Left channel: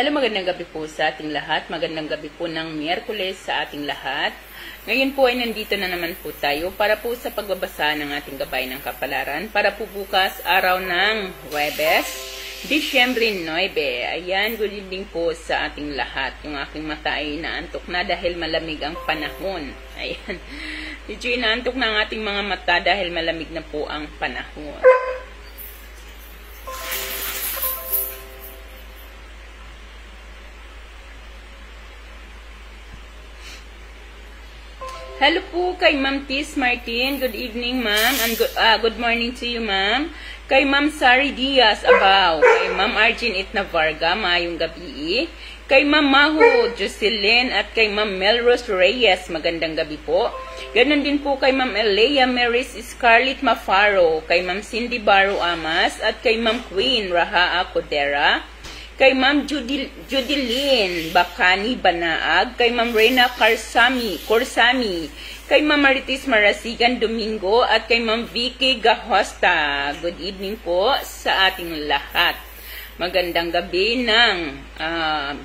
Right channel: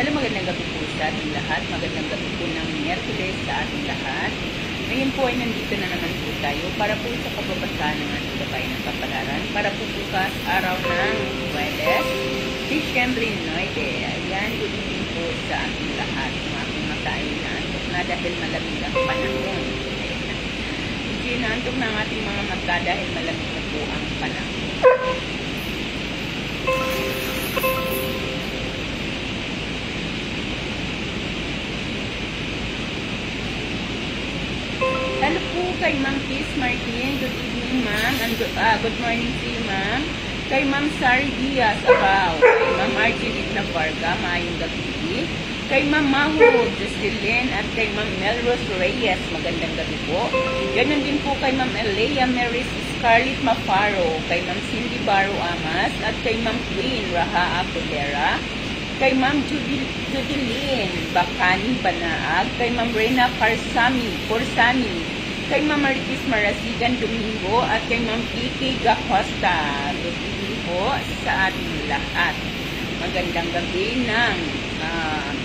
Hello, magandang gabi po sa ating lahat. Magandang gabi po ng Miyerkules sa ating lahat. Ngayon po ay nandito na naman po tayo para po sa pagbabasa ng ating gabay ng kapalaran para po bukas araw ng Huwebes, Disyembre 9. Ayan, good evening po sa ating lahat. Yung aking mata ay naantok na dahil malamig ang panahon. Ayan. Medyo naantok na ang ating mga mata dahil malamig na po ang panahon. Hello po kay Ma'am Kiss Martin. Good evening, ma'am. And good morning to you, ma'am. Kay Ma'am Sari Diaz Abaw. Kay Ma'am Arjin Itna Varga, maayong gabi. Kay Ma'am Maho Jocelyn at kay Ma'am Melrose Reyes, magandang gabi po. Ganon din po kay Ma'am Elea Maris Scarlett Mafaro, kay Ma'am Cindy Baro Amas at kay Ma'am Queen Raha Apodera. Kay Ma'am Judilyn Bacani Banaag, kay Ma'am Reyna Corsami, kay Ma'am Maritis Marasigan Domingo, at kay Ma'am Vicky Gahosta. Good evening po sa ating lahat. Magandang gabi ng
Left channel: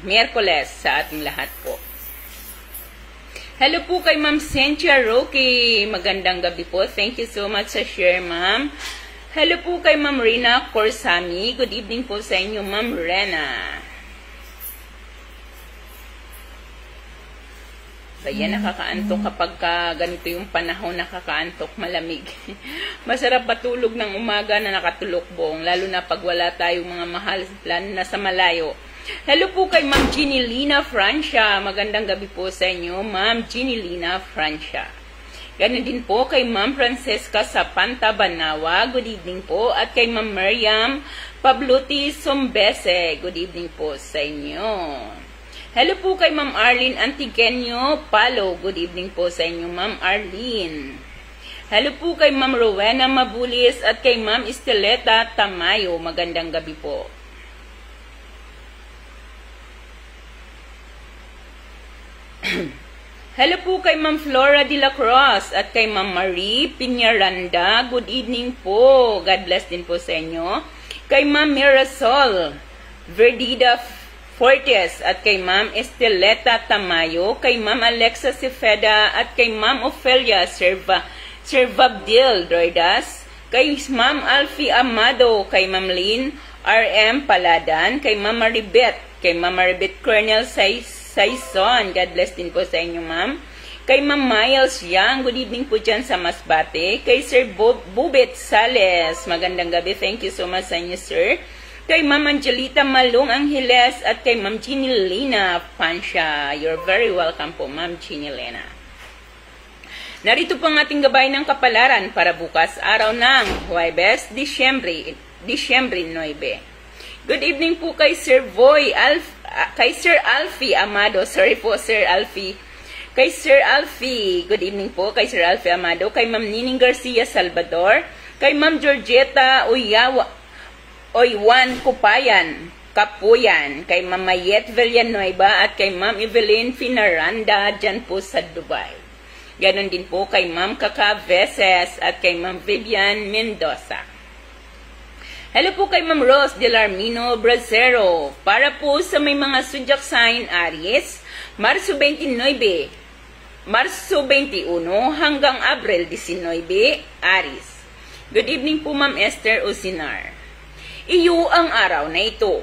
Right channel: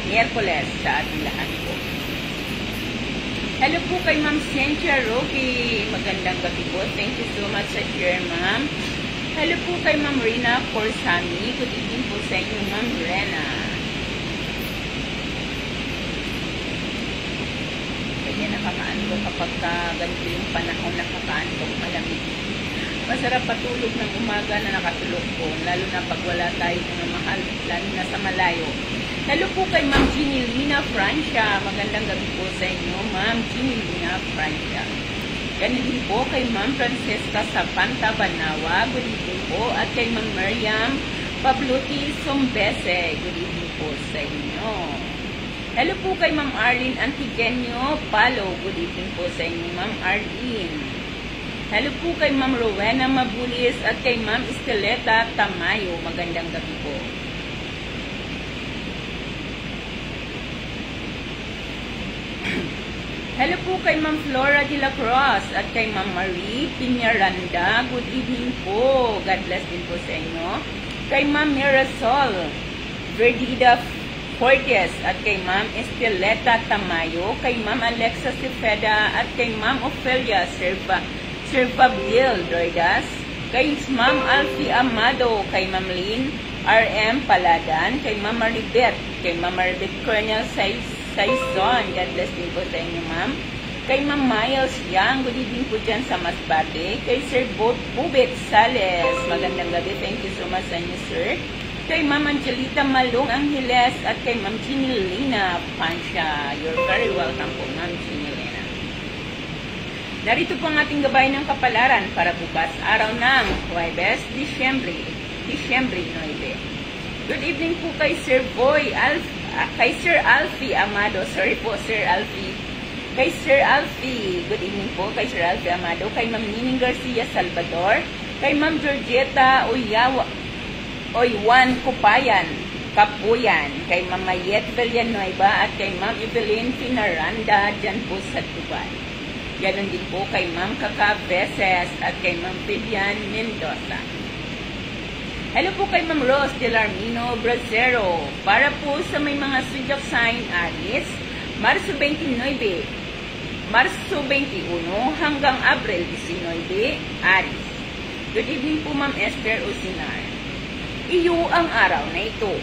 Miyerkules sa ating lahat po. Hello po kay Ma'am Cynthia Roque. Magandang gabi po. Thank you so much sa share, ma'am. Hello po kay Ma'am Rina Corsami. Good evening po sa inyo, Ma'am Rena. Kaya nakakaantok kapag ganito yung panahon, nakakaantok, malamig. Masarap patulog ng umaga na nakatulogpong, lalo na pag wala tayong mga mahal, lalo na sa malayo. Hello po kay Ma'am Ginilina Francia. Magandang gabi po sa inyo, Ma'am Ginilina Francia. Ganun din po kay Ma'am Francesca Sapanta Banawa. Good evening po. At kay Ma'am Miriam Pabluti Sombese. Good evening po sa inyo. Hello po kay Ma'am Arlene Antigenio Palo. Good evening po sa inyo, Ma'am Arlene. Hello po kay Ma'am Rowena Mabulis at kay Ma'am Esteleta Tamayo. Magandang gabi po. Hello po kay Ma'am Flora de la Cruz at kay Ma'am Marie Piñaranda. Good evening po. God bless din po sa inyo. Kay Ma'am Mirasol Verdida Fortes at kay Ma'am Esteleta Tamayo. Kay Ma'am Alexa Cepeda at kay Ma'am Ofelia Servabdil Dordas. Kay Ma'am Alfie Amado. Kay Ma'am Lynn R.M. Paladan. Kay Ma'am Maribet. Kay Ma'am Maribet Colonel Saison. God bless din po sa inyo, ma'am. Kay Ma'am Miles Yang, good evening po dyan sa Masbate. Kay Sir Bubet Sales, magandang gabi. Thank you so much sa inyo, sir. Kay Ma'am Angelita Malong Angeles at kay Ma'am Ginilena Pansya. You're very welcome po, Ma'am Ginilena. Narito po ang ating gabay ng kapalaran para bukas araw ng Huwebes, Disyembre 9. Good evening po kay Sir Boy kay Sir Alfie Amado. Sorry po, Sir Alfie. Kay Sir Alfie. Good evening po kay Sir Alfie Amado. Kay Ma'am Nining Garcia Salvador. Kay Ma'am Georgetta Oywan Kapuyan. Kay Ma'am Mayet Villanueva at kay Ma'am Evelyn Finaranda dyan po sa Dubai. Ganon din po kay Ma'am Kaka Veses at kay Ma'am Vivian Mendoza. Hello po kay Ma'am Rose Delarmino Bracero. Para po sa may mga zodiac sign Aries, Marso 21 hanggang Abril 19, Aries. Good evening po, Ma'am Esther Osinar. Iyo ang araw na ito.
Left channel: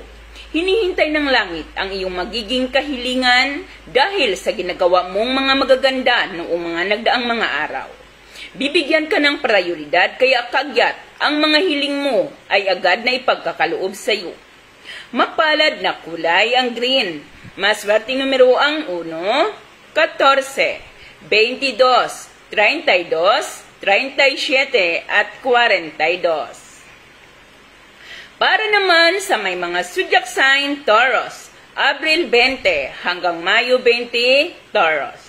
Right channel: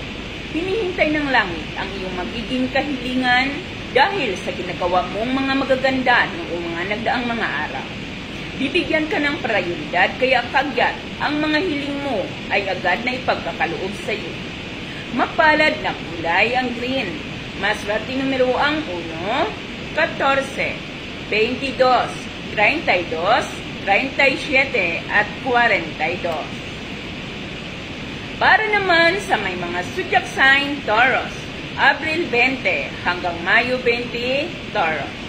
Hinihintay ng langit ang iyong magiging kahilingan dahil sa ginagawa mong mga magaganda noong mga nagdaang mga araw. Bibigyan ka ng prioridad kaya kagyat ang mga hiling mo ay agad na ipagkakaloob sa iyo. Mapalad na kulay ang green. Maswerte numero ang 1, 14, 22, 32, 37 at 42. Para naman sa may mga zodiac sign Taurus, Abril 20 hanggang Mayo 20, Taurus.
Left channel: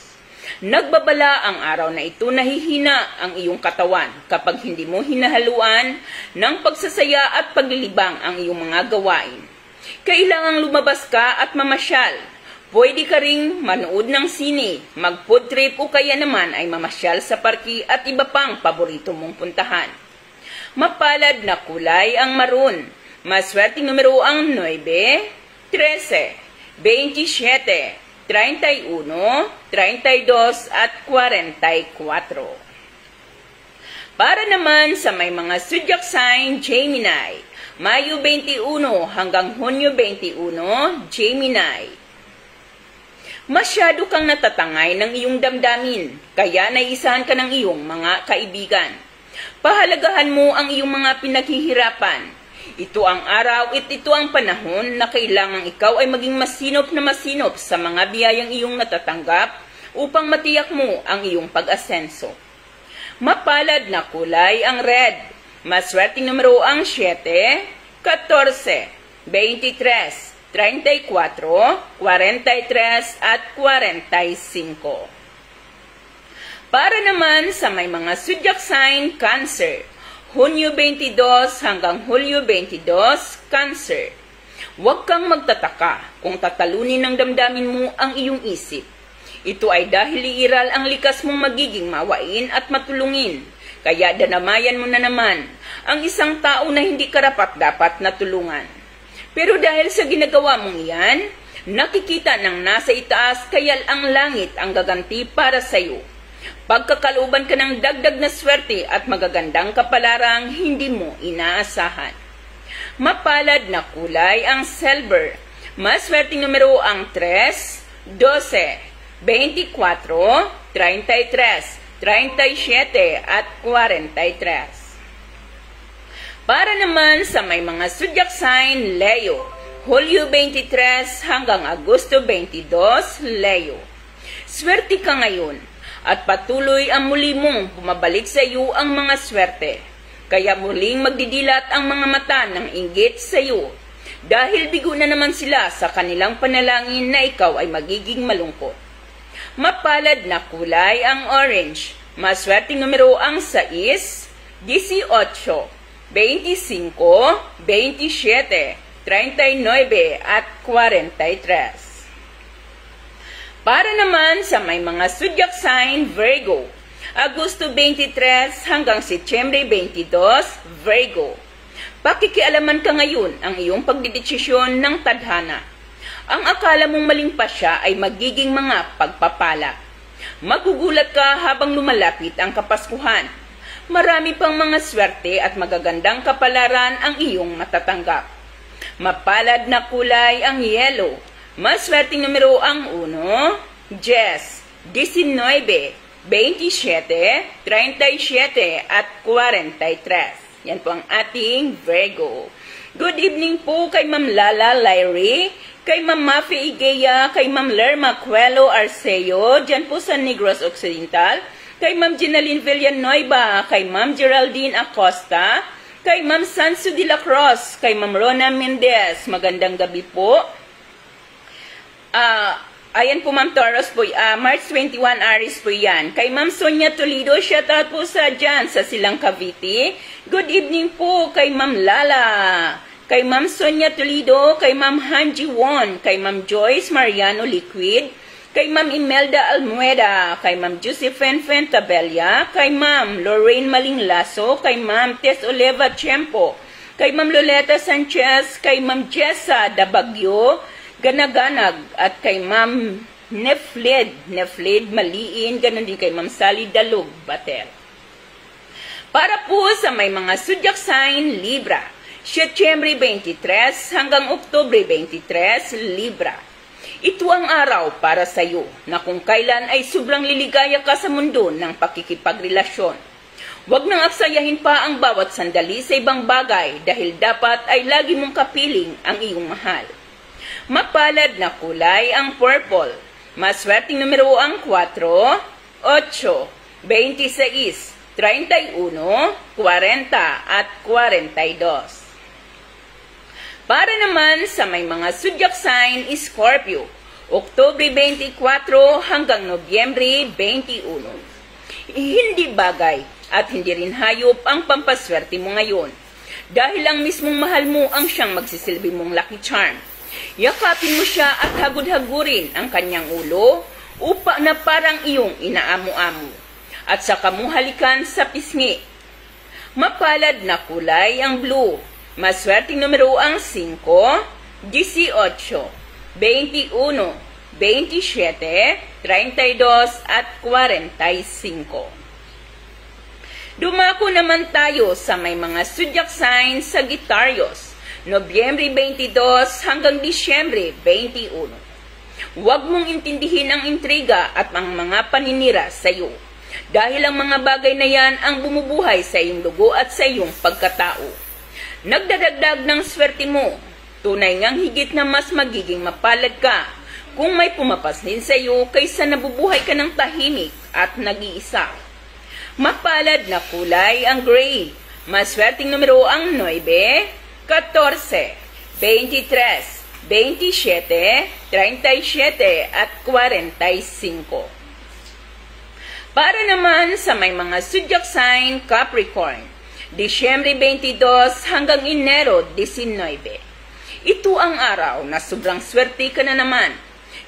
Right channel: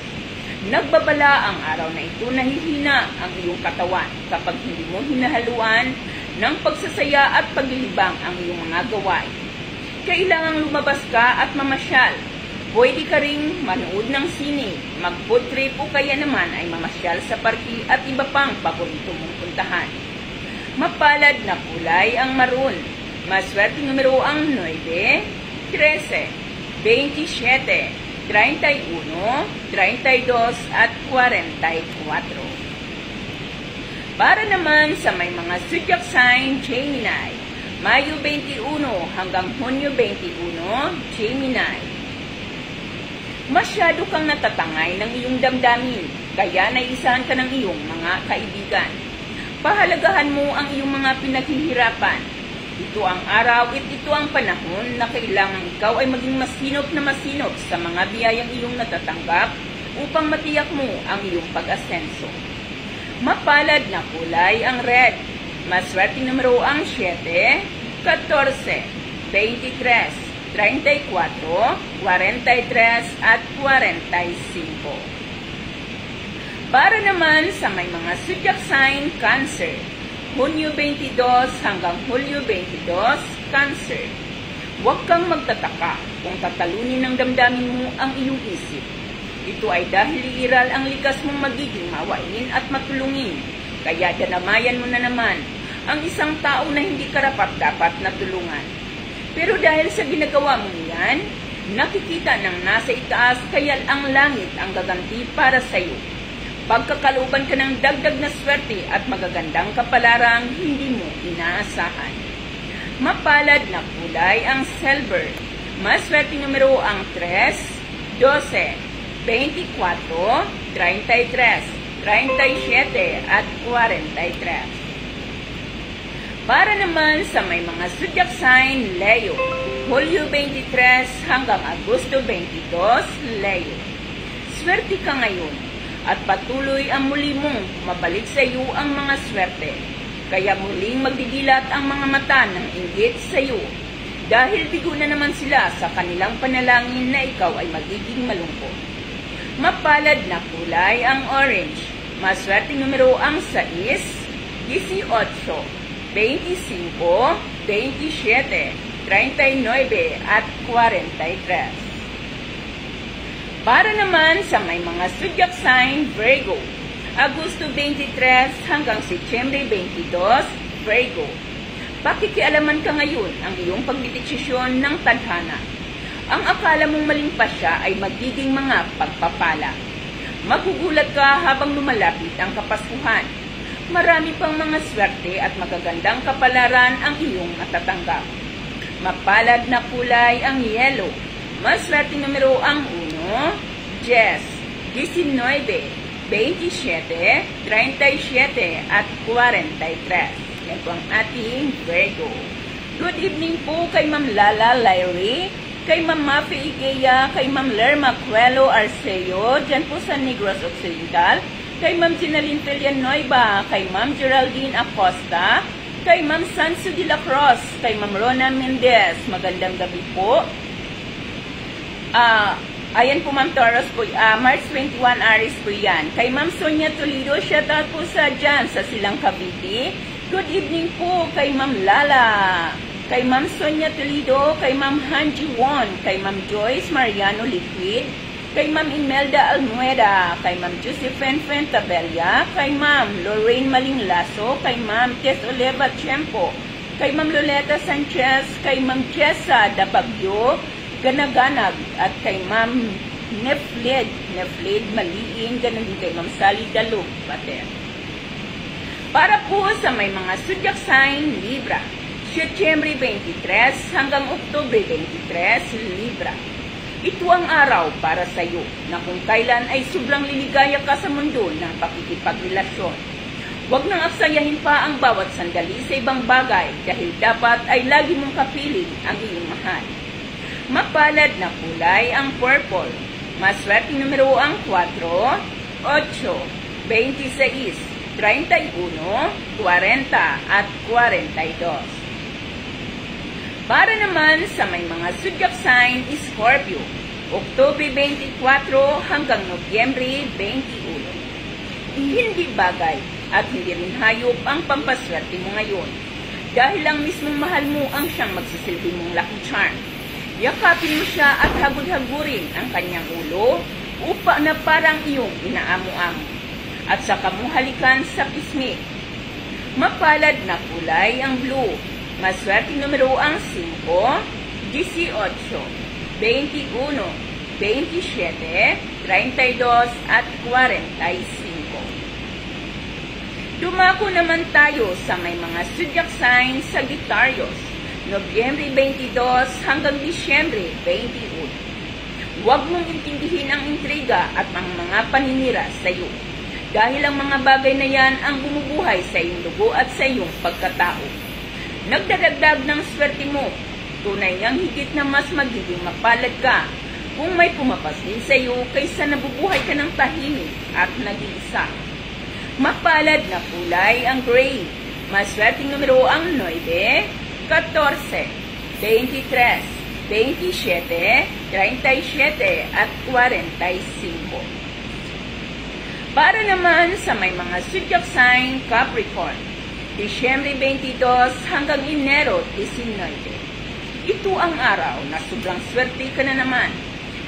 Nagbabala ang araw na ito na hihina ang iyong katawan kapag hindi mo hinahaluan ng pagsasaya at paglilibang ang iyong mga gawain. Kailangang lumabas ka at mamasyal. Pwede ka ring manood ng sine, mag-food trip o kaya naman ay mamasyal sa parki at iba pang paborito mong puntahan. Mapalad na kulay ang maroon. Maswerte numero ang 9, 13, 27, 31, 32 at 44. Para naman sa may mga zodiac sign Gemini, Mayo 21 hanggang Hunyo 21, Gemini. Masyado kang natatangay ng iyong damdamin, kaya naisahan ka ng iyong mga kaibigan. Pahalagahan mo ang iyong mga pinaghihirapan. Ito ang araw at ito ang panahon na kailangang ikaw ay maging masinop na masinop sa mga biyayang iyong natatanggap upang matiyak mo ang iyong pag-asenso. Mapalad na kulay ang red. Maswerteng numero ang 7, 14, 23, 34, 43 at 45. Para naman sa may mga zodiac sign Cancer, Hunyo 22 hanggang Hulyo 22, Cancer. Huwag kang magtataka kung tatalunin ng damdamin mo ang iyong isip. Ito ay dahil iiral ang likas mong magiging mawain at matulungin. Kaya danamayan mo na naman ang isang tao na hindi karapat-dapat na tulungan. Pero dahil sa ginagawa mong iyan, nakikita ng nasa itaas kaya ang langit ang gaganti para sa iyo. Pagkakalooban ka ng dagdag na swerte at magagandang kapalarang hindi mo inaasahan. Mapalad na kulay ang silver. Maswerteng numero ang 3, 12, 24, 33, 37 at 43. Para naman sa may mga zodiac sign Leo, Hulyo 23 hanggang Agosto 22, Leo. Swerte ka ngayon at patuloy ang muli mong pumabalik sa iyo ang mga swerte. Kaya muling magdidilat ang mga mata ng inggit sa iyo dahil bigo na naman sila sa kanilang panalangin na ikaw ay magiging malungkot. Mapalad na kulay ang orange. Maswerteng numero ang 6, 18, 25, 27, 39 at 43. Para naman sa may mga zodiac sign Virgo, Agosto 23 hanggang Setyembre 22, Virgo. Pakikialaman ka ngayon ang iyong pagdedesisyon ng tadhana. Ang akala mong maling pasya ay magiging mga pagpapala. Magugulat ka habang lumalapit ang Kapaskuhan. Marami pang mga swerte at magagandang kapalaran ang iyong matatanggap. Mapalad na kulay ang yellow. Maswerteng numero ang 1, 10, 19, 27, 37 at 43. Yan po ang ating Virgo. Good evening po kay Ma'am Lala Lyrie, kay Ma'am Mafi Igea, kay Ma'am Lerma Cuelo Arceo, dyan po sa Negros Occidental, kay Ma'am Ginaline Villanueva, kay Ma'am Geraldine Acosta, kay Ma'am Sansu de la Cruz, kay Ma'am Rona Mendez. Magandang gabi po. Ayan po Ma'am Taurus po, March 21 Aries po yan. Kay Ma'am Sonia Toledo, shout out po sa dyan sa Silang Cavite. Good evening po kay Ma'am Lala, kay Ma'am Sonia Toledo, kay Ma'am Hanji Won, kay Ma'am Joyce Mariano Liquid, kay Ma'am Imelda Almueda, kay Ma'am Josephine Fentabella, kay Ma'am Lorraine Malinglaso, kay Ma'am Tess Oleva Tiempo, kay Ma'am Loleta Sanchez, kay Ma'am Jessa Dabagyo Ganaganag, at kay Ma'am Nefled Maliin, ganun din kay Ma'am Sally Dalug Bater. Para po sa may mga zodiac sign Libra, Setyembre 23 hanggang Oktubre 23, Libra. Ito ang araw para sa iyo na kung kailan ay sobrang liligaya ka sa mundo ng pakikipagrelasyon. Huwag nang aksayahin pa ang bawat sandali sa ibang bagay dahil dapat ay lagi mong kapiling ang iyong mahal. Mapalad na kulay ang purple. Maswerteng numero ang 4, 8, 26, 31, 40 at 42. Para naman sa may mga zodiac sign Scorpio, Oktubre 24 hanggang Nobyembre 21. Hindi bagay at hindi rin hayop ang pampaswerte mo ngayon dahil ang mismong mahal mo ang siyang magsisilbi mong lucky charm. Yakapin mo siya at hagod-hagurin ang kanyang ulo upa na parang iyong inaamo-amo at saka mo halikan sa pisngi. Mapalad na kulay ang blue. Maswerteng numero ang 5, 18, 21, 27, 32 at 45. Dumako naman tayo sa may mga zodiac signs Sagittarius, Nobyembre 22 hanggang Disyembre 21. Huwag mong intindihin ang intriga at ang mga paninira sa iyo, dahil ang mga bagay na yan ang bumubuhay sa iyong dugo at sa iyong pagkatao. Nagdadagdag ng swerte mo, tunay ngang higit na mas magiging mapalad ka kung may pumapasin sa iyo kaysa nabubuhay ka ng tahimik at nag-iisa. Mapalad na kulay ang gray. Maswerteng numero ang 9, 14, 23, 27, 37 at 45. Para naman sa may mga zodiac sign Capricorn, Disyembre 22 hanggang Enero 19. Ito ang araw na sobrang swerte ka na naman.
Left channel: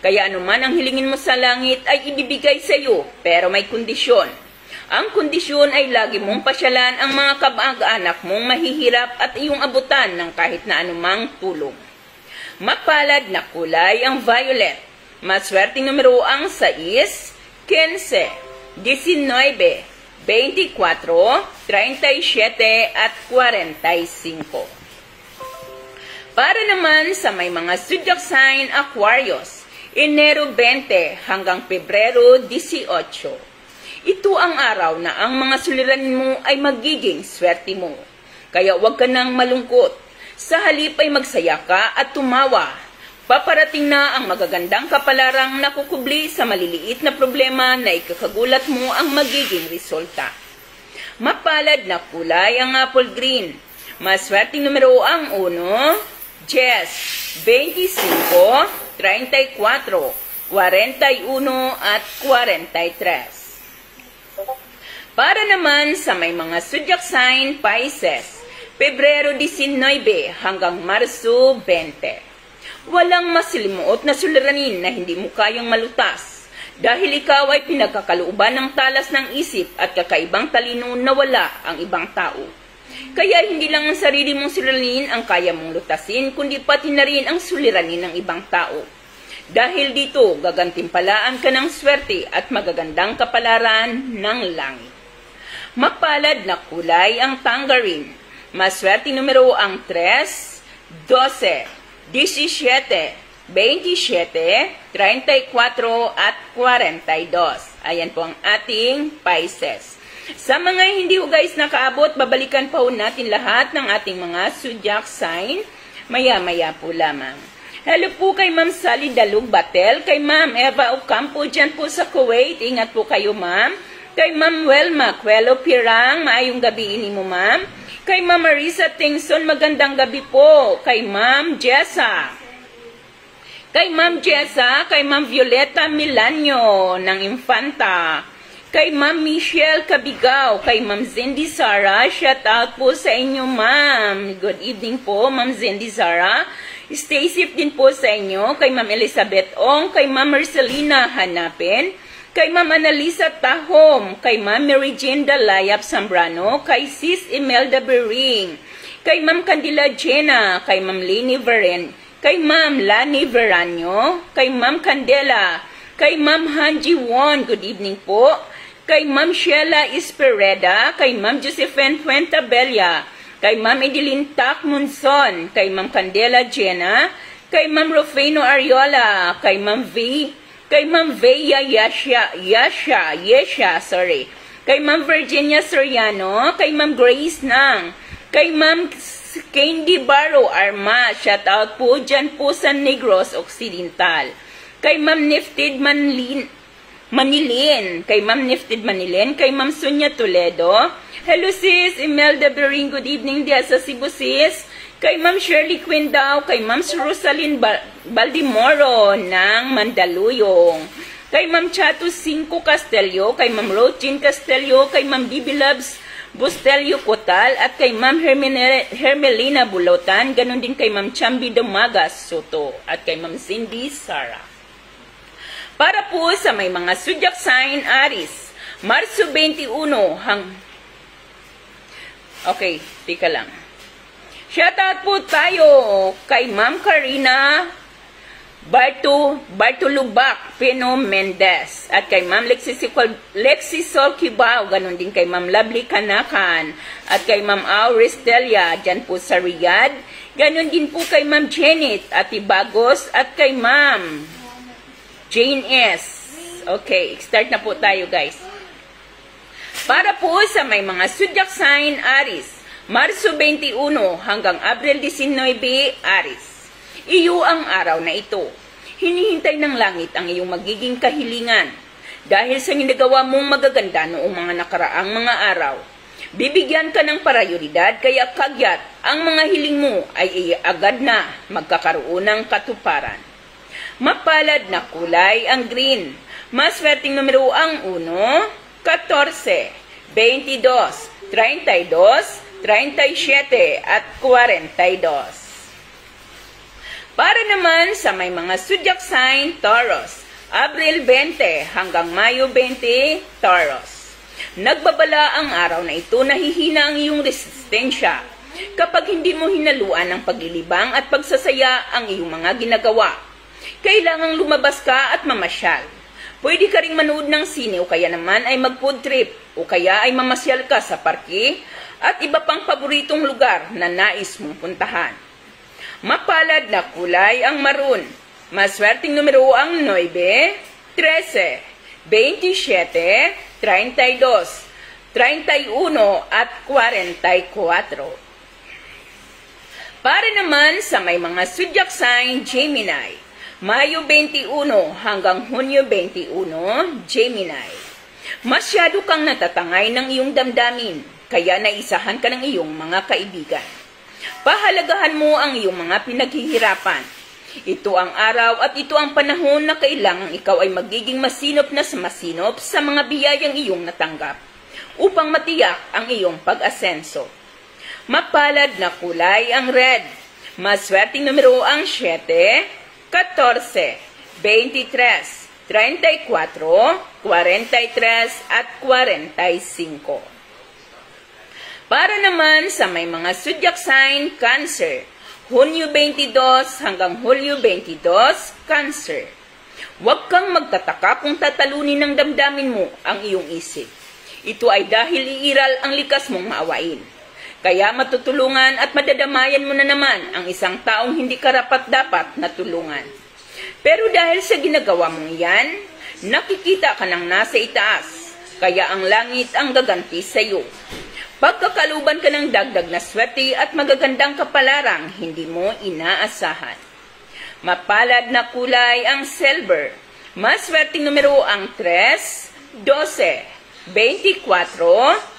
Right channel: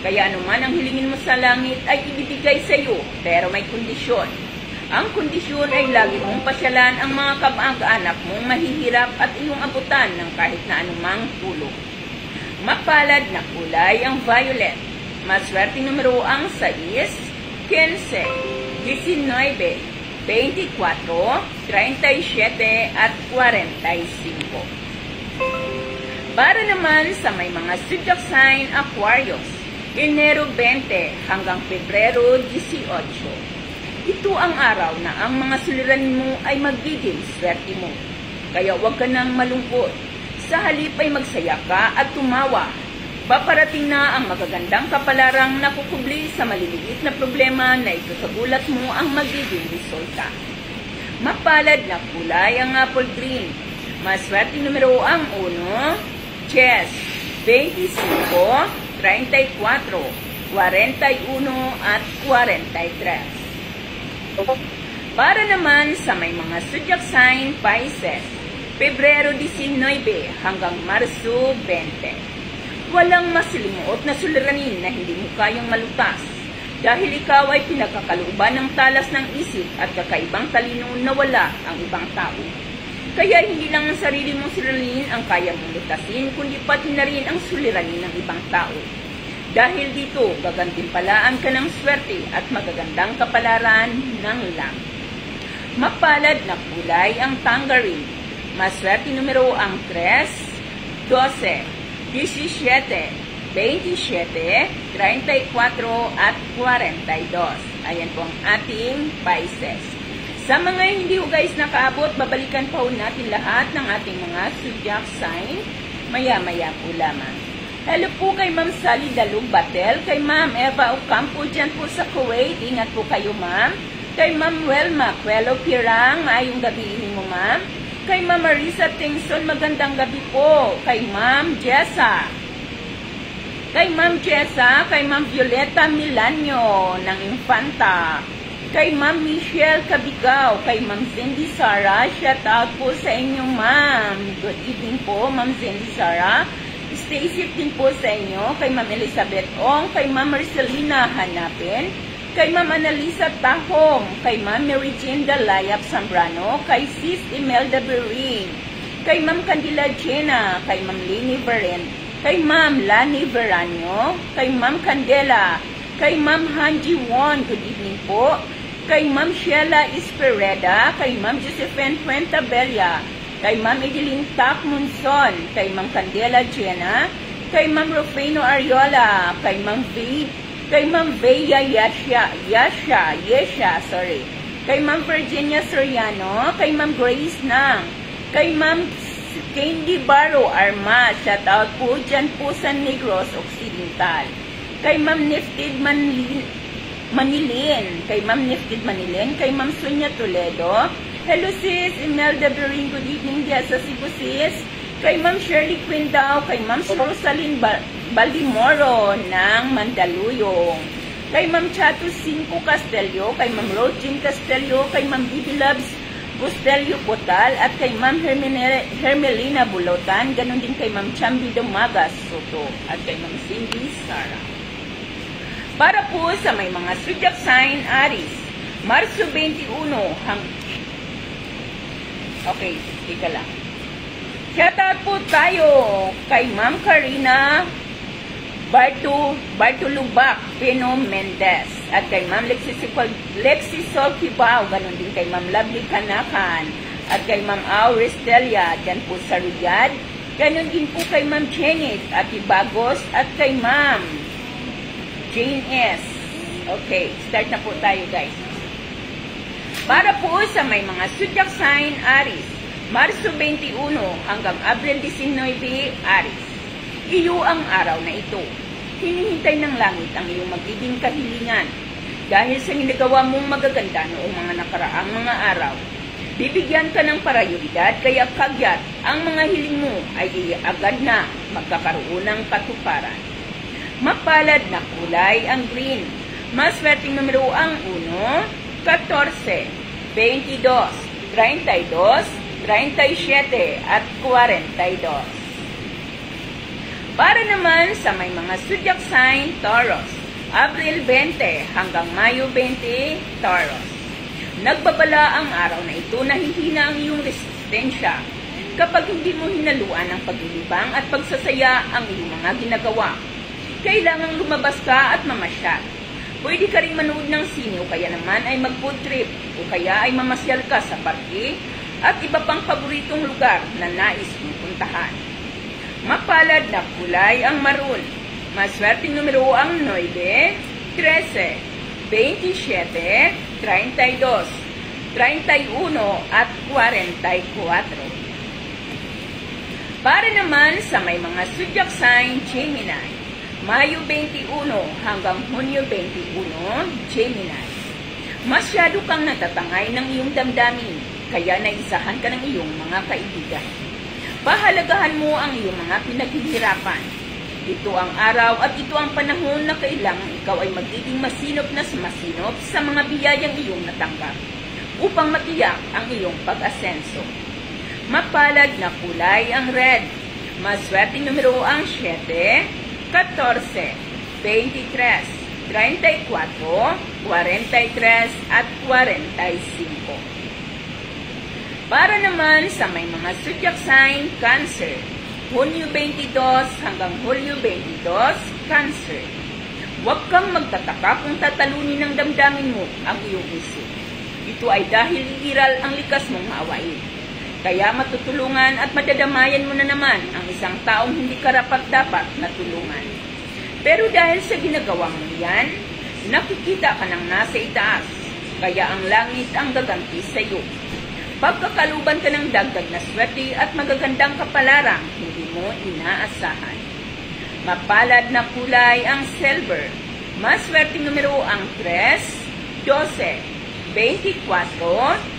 Kaya anuman ang hilingin mo sa langit ay ibibigay sa iyo, pero may kondisyon. Ang kondisyon ay lagi mong pasyalan ang mga kamag-anak mong mahihirap at iyong abutan ng kahit na anumang tulong. Mapalad na kulay ang violet. Maswerteng numero ang 6, 15, 19, 24, 37 at 45. Para naman sa may mga zodiac sign Aquarius, Enero 20 hanggang Pebrero 18. Ito ang araw na ang mga suliranin mo ay magiging swerte mo. Kaya huwag ka nang malungkot. Sa halip ay magsaya ka at tumawa. Paparating na ang magagandang kapalarang nakukubli sa maliliit na problema na ikakagulat mo ang magiging resulta. Mapalad na kulay ang apple green. Maswerteng numero ang 1, 10, 25, 34, 41 at 43. Para naman sa may mga zodiac sign Pisces, Pebrero 19 hanggang Marso 20. Walang masilimuot na suliranin na hindi mo kayang malutas, dahil ikaw ay pinagkakalooban ng talas ng isip at kakaibang talino na wala ang ibang tao. Kaya hindi lang ang sarili mong suliranin ang kaya mong lutasin, kundi pati na rin ang suliranin ng ibang tao. Dahil dito, gagantimpalaan ka ng swerte at magagandang kapalaran ng langit. Mapalad na kulay ang tangerine. Maswerteng numero ang 3, 12, 17, 27, 34 at 42. Ayan po ang ating Pisces. Sa mga hindi ho guys nakaabot, babalikan pa ho natin lahat ng ating mga zodiac sign. Maya-maya po lamang. Hello po kay Ma'am Sally Dalug Batel, kay Ma'am Eva Ocampo dyan po sa Kuwait. Ingat po kayo Ma'am. Kay Ma'am Welma Cuelo Pirang, maayong gabi ini mo Ma'am. Kay Ma'am Marisa Tingson, magandang gabi po. Kay Ma'am Jessa. Kay Ma'am Jessa, kay Ma'am Violeta Milanyo ng Infanta. Kay Ma'am Michelle Cabigaw, kay Ma'am Zindy Sara, shout out po sa inyo Ma'am. Good evening po Ma'am Zindy Sara. Stay safe din po sa inyo. Kay Ma'am Elizabeth Ong, kay Ma'am Marcelina Hanapin, kay Ma'am Annalisa Tahom, kay Ma'am Mary Jane Dalayap Zambrano, kay Sis Imelda Bering, kay Ma'am Candila Jena, kay Ma'am Lini Veren, kay Ma'am Lani Veranyo, kay Ma'am Candela, kay Ma'am Hanji Won, good evening po, kay Ma'am Sheila Espereda, kay Ma'am Josephine Fuentabella, kay Ma'am Edeline Takmunson, kay Ma'am Candela Jena, kay Ma'am Rufino Ariola, kay Ma'am V, kay Ma'am Veya Yesha, kay Ma'am Virginia Soriano, kay Ma'am Grace Nang, kay Ma'am Candy Barro Arma, shout out po dyan po sa Negros Occidental, kay Ma'am Nifted Manilin, kay Ma'am Nifted Manilin, kay Ma'am Sonia Toledo. Hello sis, Imelda Bering, good evening diya sa Cebu sis. Kay Ma'am Shirley Quindao, kay Ma'am Rosalyn Baldimoro ng Mandaluyong. Kay Ma'am Chato Cinco Castelio, kay Ma'am Rogin Castelio, kay Ma'am Bibi Loves Bustelio Cotal, at kay Ma'am Hermelina Bulotan, ganun din kay Ma'am Chambi Domagas Soto, at kay Ma'am Cindy Sara. Para po sa may mga zodiac sign Aries, Marso 21 Okay, tika lang. Shoutout po tayo kay Ma'am Karina Bartolubak Pino Mendez. At kay Ma'am Lexisol Kibao, ganun din kay Ma'am Lovely Kanakan. At kay Ma'am Auris Delia, dyan po sa Riyadh. Ganun din po kay Ma'am Janet Ati Bagos at kay Ma'am Jane S. Okay, start na po tayo guys. Para po sa may mga zodiac sign Aries, Marso 21 hanggang Abril 19, Aries. Iyo ang araw na ito. Hinihintay ng langit ang iyong magiging kahilingan. Dahil sa ginagawa mong magaganda noong mga nakaraang mga araw, bibigyan ka ng prioridad kaya kagyat ang mga hiling mo ay agad na magkakaroon ng katuparan. Mapalad na kulay ang green. Maswerteng numero ang 1, 14, 22, 32, 37 at 42. Para naman sa may mga zodiac sign Taurus, Abril 20 hanggang Mayo 20, Taurus. Nagbabala ang araw na ito na hihina ang iyong resistensya kapag hindi mo hinaluan ng paglilibang at pagsasaya ang iyong mga ginagawa. Kailangang lumabas ka at mamasyal. Pwede ka ring manood ng sine o kaya naman ay mag-food trip o kaya ay mamasyal ka sa parke at iba pang paboritong lugar na nais mong puntahan. Mapalad na kulay ang maroon. Maswerteng numero ang 9, 13, 27, 32, 31 at 44. Para naman sa may mga zodiac sign Gemini, Mayo 21 hanggang Hunyo 21, Gemini. Masyado kang natatangay ng iyong damdamin, kaya naisahan ka ng iyong mga kaibigan. Pahalagahan mo ang iyong mga pinaghihirapan. Ito ang araw at ito ang panahon na kailangang ikaw ay magiging masinop na masinop sa mga biyayang iyong natanggap upang matiyak ang iyong pag-asenso. Mapalad na kulay ang red. Maswerteng numero ang 7, 14, 23, 34, 43 at 45. Para naman sa may mga zodiac sign Cancer, Hunyo 22 hanggang Hulyo 22, Cancer. Huwag kang magtataka kung tatalunin ng damdamin mo ang iyong isip. Ito ay dahil iiral ang likas mong maawain. Kaya matutulungan at madadamayan mo na naman ang isang taong hindi karapat-dapat na tulungan. Pero dahil sa ginagawa mong yan, nakikita ka ng nasa itaas, kaya ang langit ang gaganti sa iyo. Pagkakaluban ka ng dagdag na swerte at magagandang kapalarang hindi mo inaasahan. Mapalad na kulay ang silver. Maswerteng numero ang 3, 12, 24,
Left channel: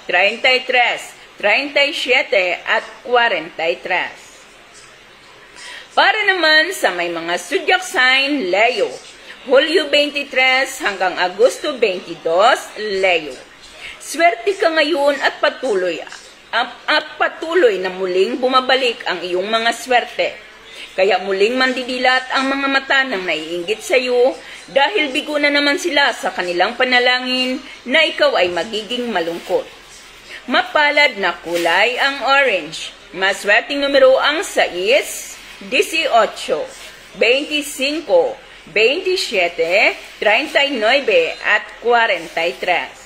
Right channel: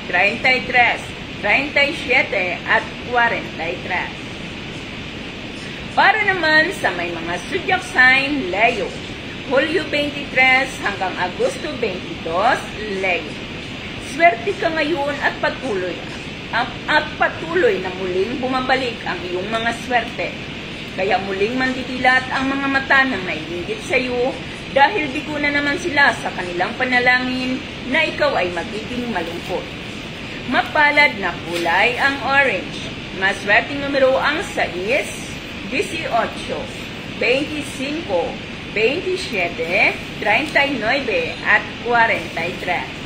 33, 37 at 43. Para naman sa may mga zodiac sign Leo, Hulyo 23 hanggang Agosto 22, Leo. Swerte ka ngayon at patuloy na muling bumabalik ang iyong mga swerte. Kaya muling mandidilat ang mga mata ng naiinggit sa iyo dahil bigo na naman sila sa kanilang panalangin na ikaw ay magiging malungkot. Mapalad na kulay ang orange. Maswerteng numero ang 6, 18, 25, 27, 39 at 43.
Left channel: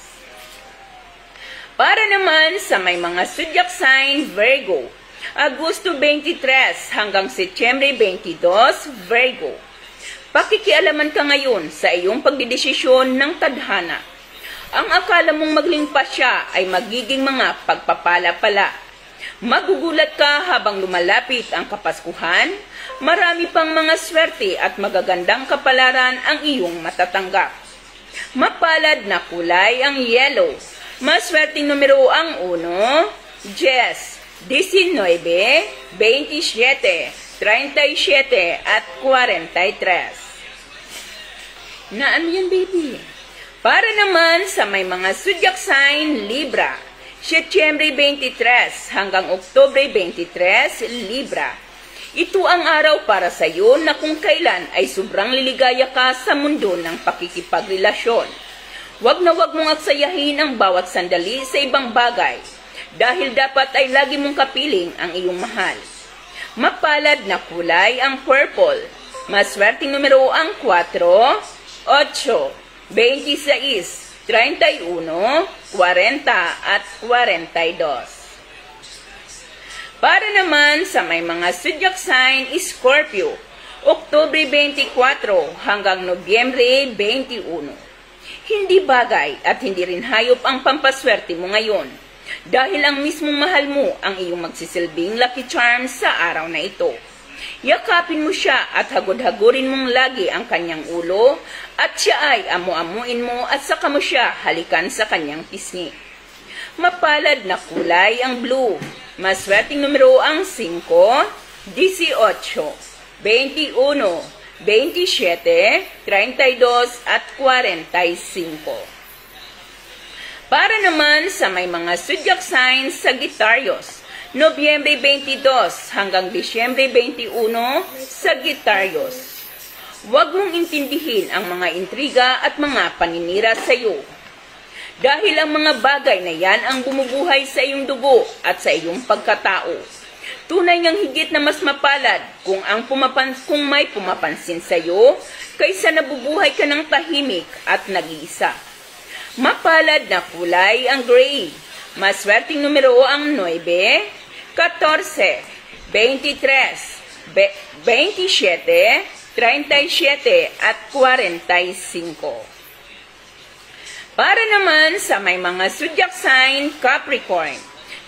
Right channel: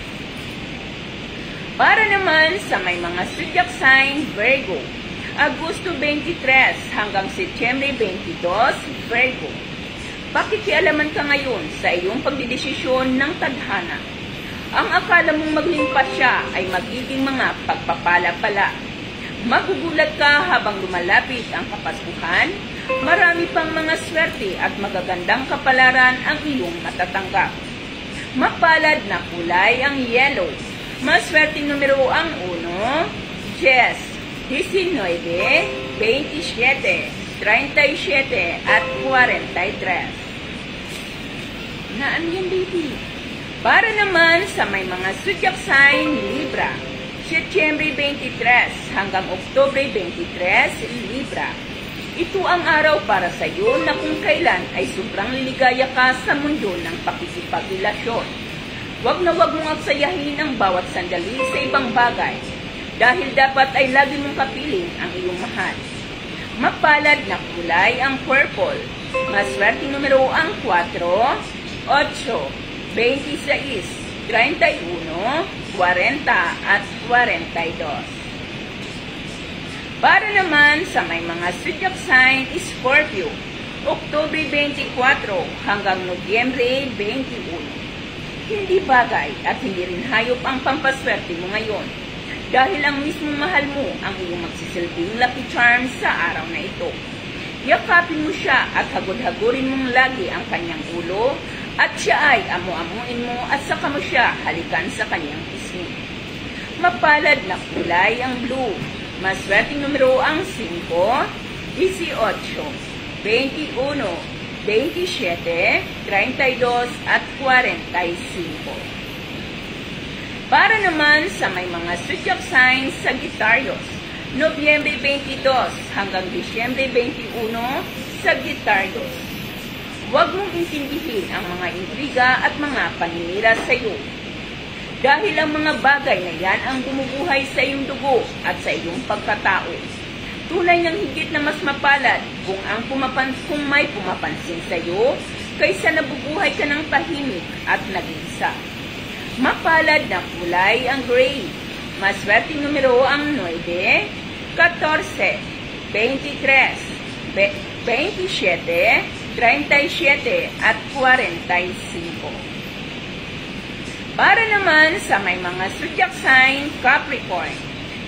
Para naman sa may mga zodiac sign Virgo, Agosto 23 hanggang Setyembre 22, Virgo. Pakikialaman ka ngayon sa iyong pagdidesisyon ng tadhana. Ang akala mong maglimpad siya ay magiging mga pagpapala pala. Magugulat ka habang lumalapit ang Kapaskuhan, marami pang mga swerte at magagandang kapalaran ang iyong matatanggap. Mapalad na kulay ang yellow. Maswerteng numero ang 1, 10, 19, 27, 37 at 43. Na ano yan, baby? Para naman sa may mga zodiac sign Libra, Setyembre 23 hanggang Oktubre 23, Libra. Ito ang araw para sa iyo na kung kailan ay sobrang liligaya ka sa mundo ng pakikipagrelasyon. Huwag na huwag mong aksayahin ang bawat sandali sa ibang bagay dahil dapat ay lagi mong kapiling ang iyong mahal. Mapalad na kulay ang purple. Maswerteng numero ang 4, 8, 26, 31, 40 at 42. Para naman sa may mga zodiac sign, Scorpio, Oktubre 24 hanggang Nobyembre 21. Hindi bagay at hindi rin hayop ang pampaswerte mo ngayon, dahil ang mismong mahal mo ang iyong magsisilbing lucky charm sa araw na ito. Yakapin mo siya at hagod-hagurin mong lagi ang kanyang ulo, at siya ay amu-amuin mo at saka mo siya halikan sa kanyang pisngi. Mapalad na kulay ang blue. Maswerteng numero ang 5, 18, 21, 27, 32 at 45. Para naman sa may mga zodiac signs, Sagittarius, Nobyembre 22 hanggang Disyembre 21, Sagittarius. Huwag mong intindihin ang mga intriga at mga paninira sa iyo, dahil ang mga bagay na yan ang bumubuhay sa iyong dugo at sa iyong pagkatao. Tunay ngang higit na mas mapalad kung may pumapansin sa iyo kaysa nabubuhay ka ng tahimik at nag-iisa. Mapalad na kulay ang gray. Maswerteng numero ang 9, 14, 23, 27, 37 at 45. Para naman sa may mga zodiac sign, Capricorn,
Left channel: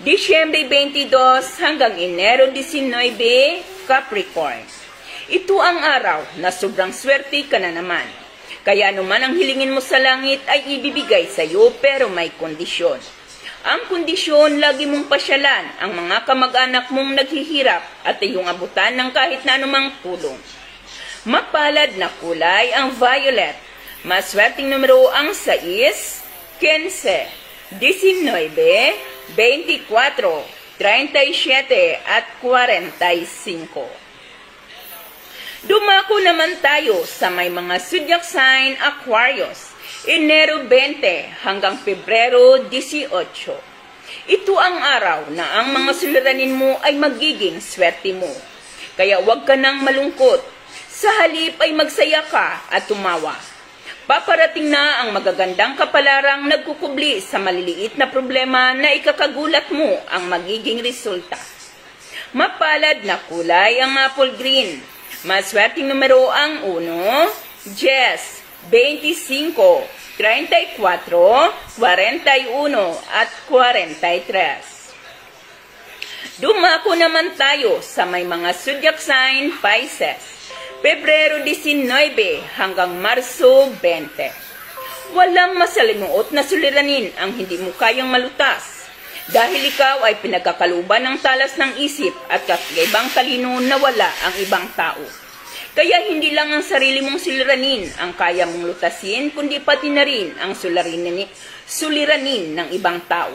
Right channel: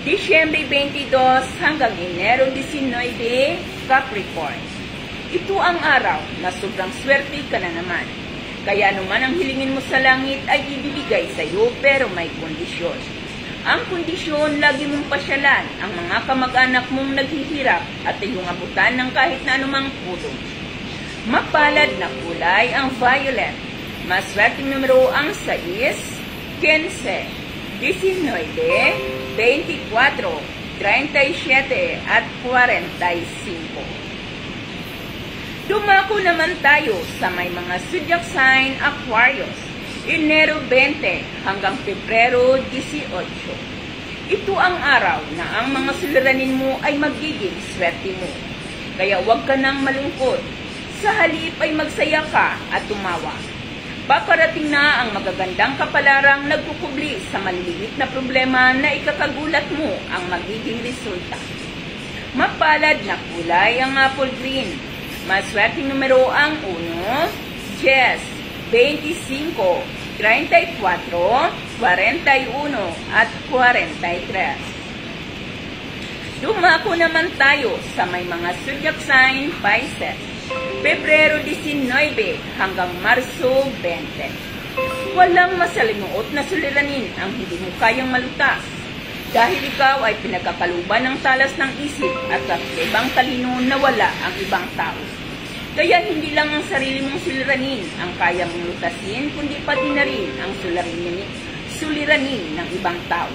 Disyembre 22 hanggang Enero 19, Capricorn. Ito ang araw na sobrang swerte ka na naman. Kaya anuman ang hilingin mo sa langit ay ibibigay sa iyo, pero may kondisyon. Ang kondisyon, lagi mong pasyalan ang mga kamag-anak mong naghihirap at iyong abutan ng kahit na anumang tulong. Mapalad na kulay ang violet. Maswerteng numero ang 6, 15, 19, 24, 37 at 45. Dumako naman tayo sa may mga zodiac sign, Aquarius, Enero 20 hanggang Pebrero 18. Ito ang araw na ang mga suliranin mo ay magiging swerte mo. Kaya huwag ka nang malungkot. Sa halip ay magsaya ka at tumawa. Paparating na ang magagandang kapalarang nagkukubli sa maliliit na problema na ikakagulat mo ang magiging resulta. Mapalad na kulay ang apple green. Maswerteng numero ang 1, 10, 25, 34, 41 at 43. Dumako naman tayo sa may mga zodiac sign, Pisces, Pebrero 19 hanggang Marso 20. Walang masalimuot na suliranin ang hindi mo kayang malutas, dahil ikaw ay pinagkakaluban ng talas ng isip at kakaibang talino na wala ang ibang tao. Kaya hindi lang ang sarili mong suliranin ang kaya mong lutasin, kundi pati na rin ang suliranin ng ibang tao.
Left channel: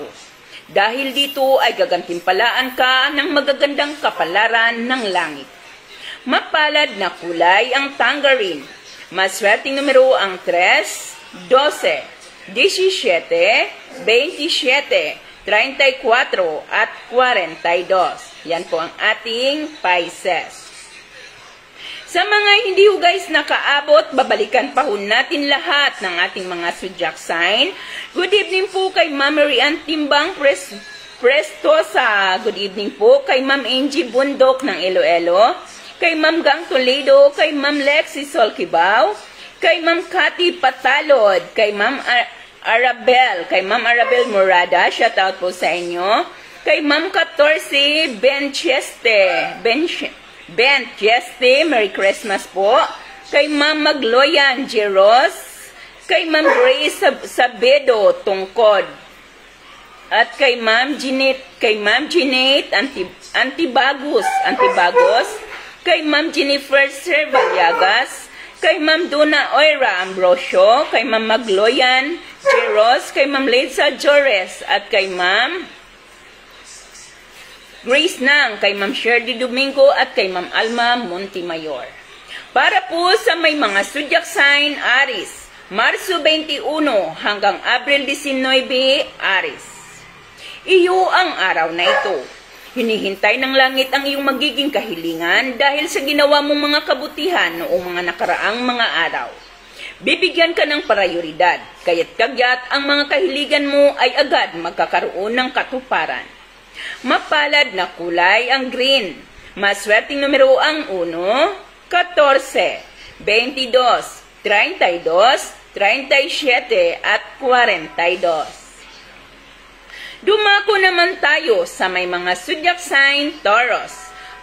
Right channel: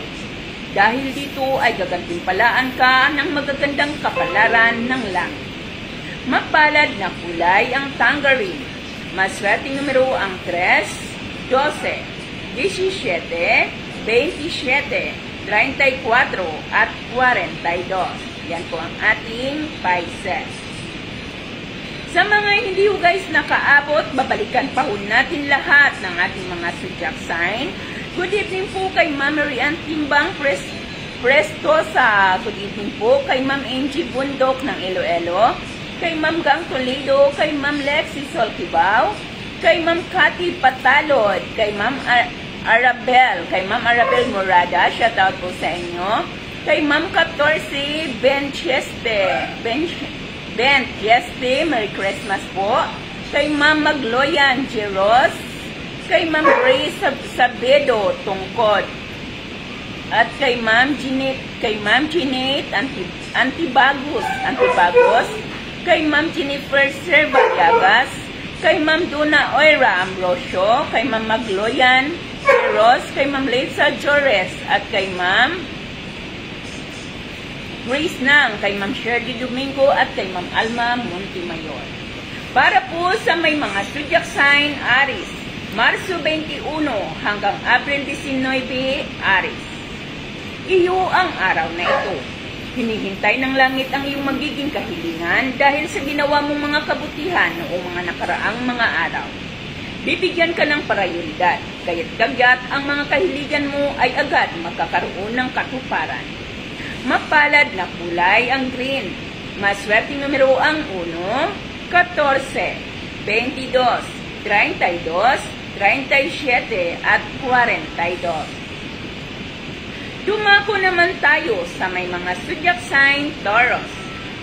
Dahil dito ay gagantimpalaan ka ng magagandang kapalaran ng langit. Mapalad na kulay ang tangerine. Maswerteng numero ang 3, 12, 17, 27, 34 at 42. Yan po ang ating Pisces. Sa mga hindi ho guys nakaabot, babalikan pa ho natin lahat ng ating mga zodiac sign. Good evening po kay Ma'am Marian Timbang Prestosa. Good evening po kay Ma'am Angie Bundok ng Iloilo. Kay Ma'am Gang Toledo, kay Ma'am Lexi Solkibao, kay Ma'am Cathy Patalod, kay Ma'am Arabel Morada, shout out po sa inyo. Kay Ma'am 14 Bencheste, Merry Christmas po. Kay Ma'am Magloyan Jeros, kay Ma'am Grace Sabedo Tungkod, at kay Ma'am Jeanette Antibagos, kay Ma'am Jennifer Servaliagas, kay Ma'am Duna Oira Ambrosio, kay Ma'am Magloyan Jeros, kay Ma'am Lisa Jores, at kay Ma'am Grace Nang, kay Ma'am Shirley Domingo, at kay Ma'am Alma Montemayor. Para po sa may mga zodiac sign, Aries, Marso 21 hanggang April 19, Aries. Iyo ang araw na ito. Hinihintay ng langit ang iyong magiging kahilingan dahil sa ginawa mong mga kabutihan noong mga nakaraang mga araw. Bibigyan ka ng prioridad, kaya't kagyat ang mga kahiligan mo ay agad magkakaroon ng katuparan. Mapalad na kulay ang green. Maswerteng numero ang 1, 14, 22, 32, 37 at 42. Dumako naman tayo sa may mga zodiac sign Taurus.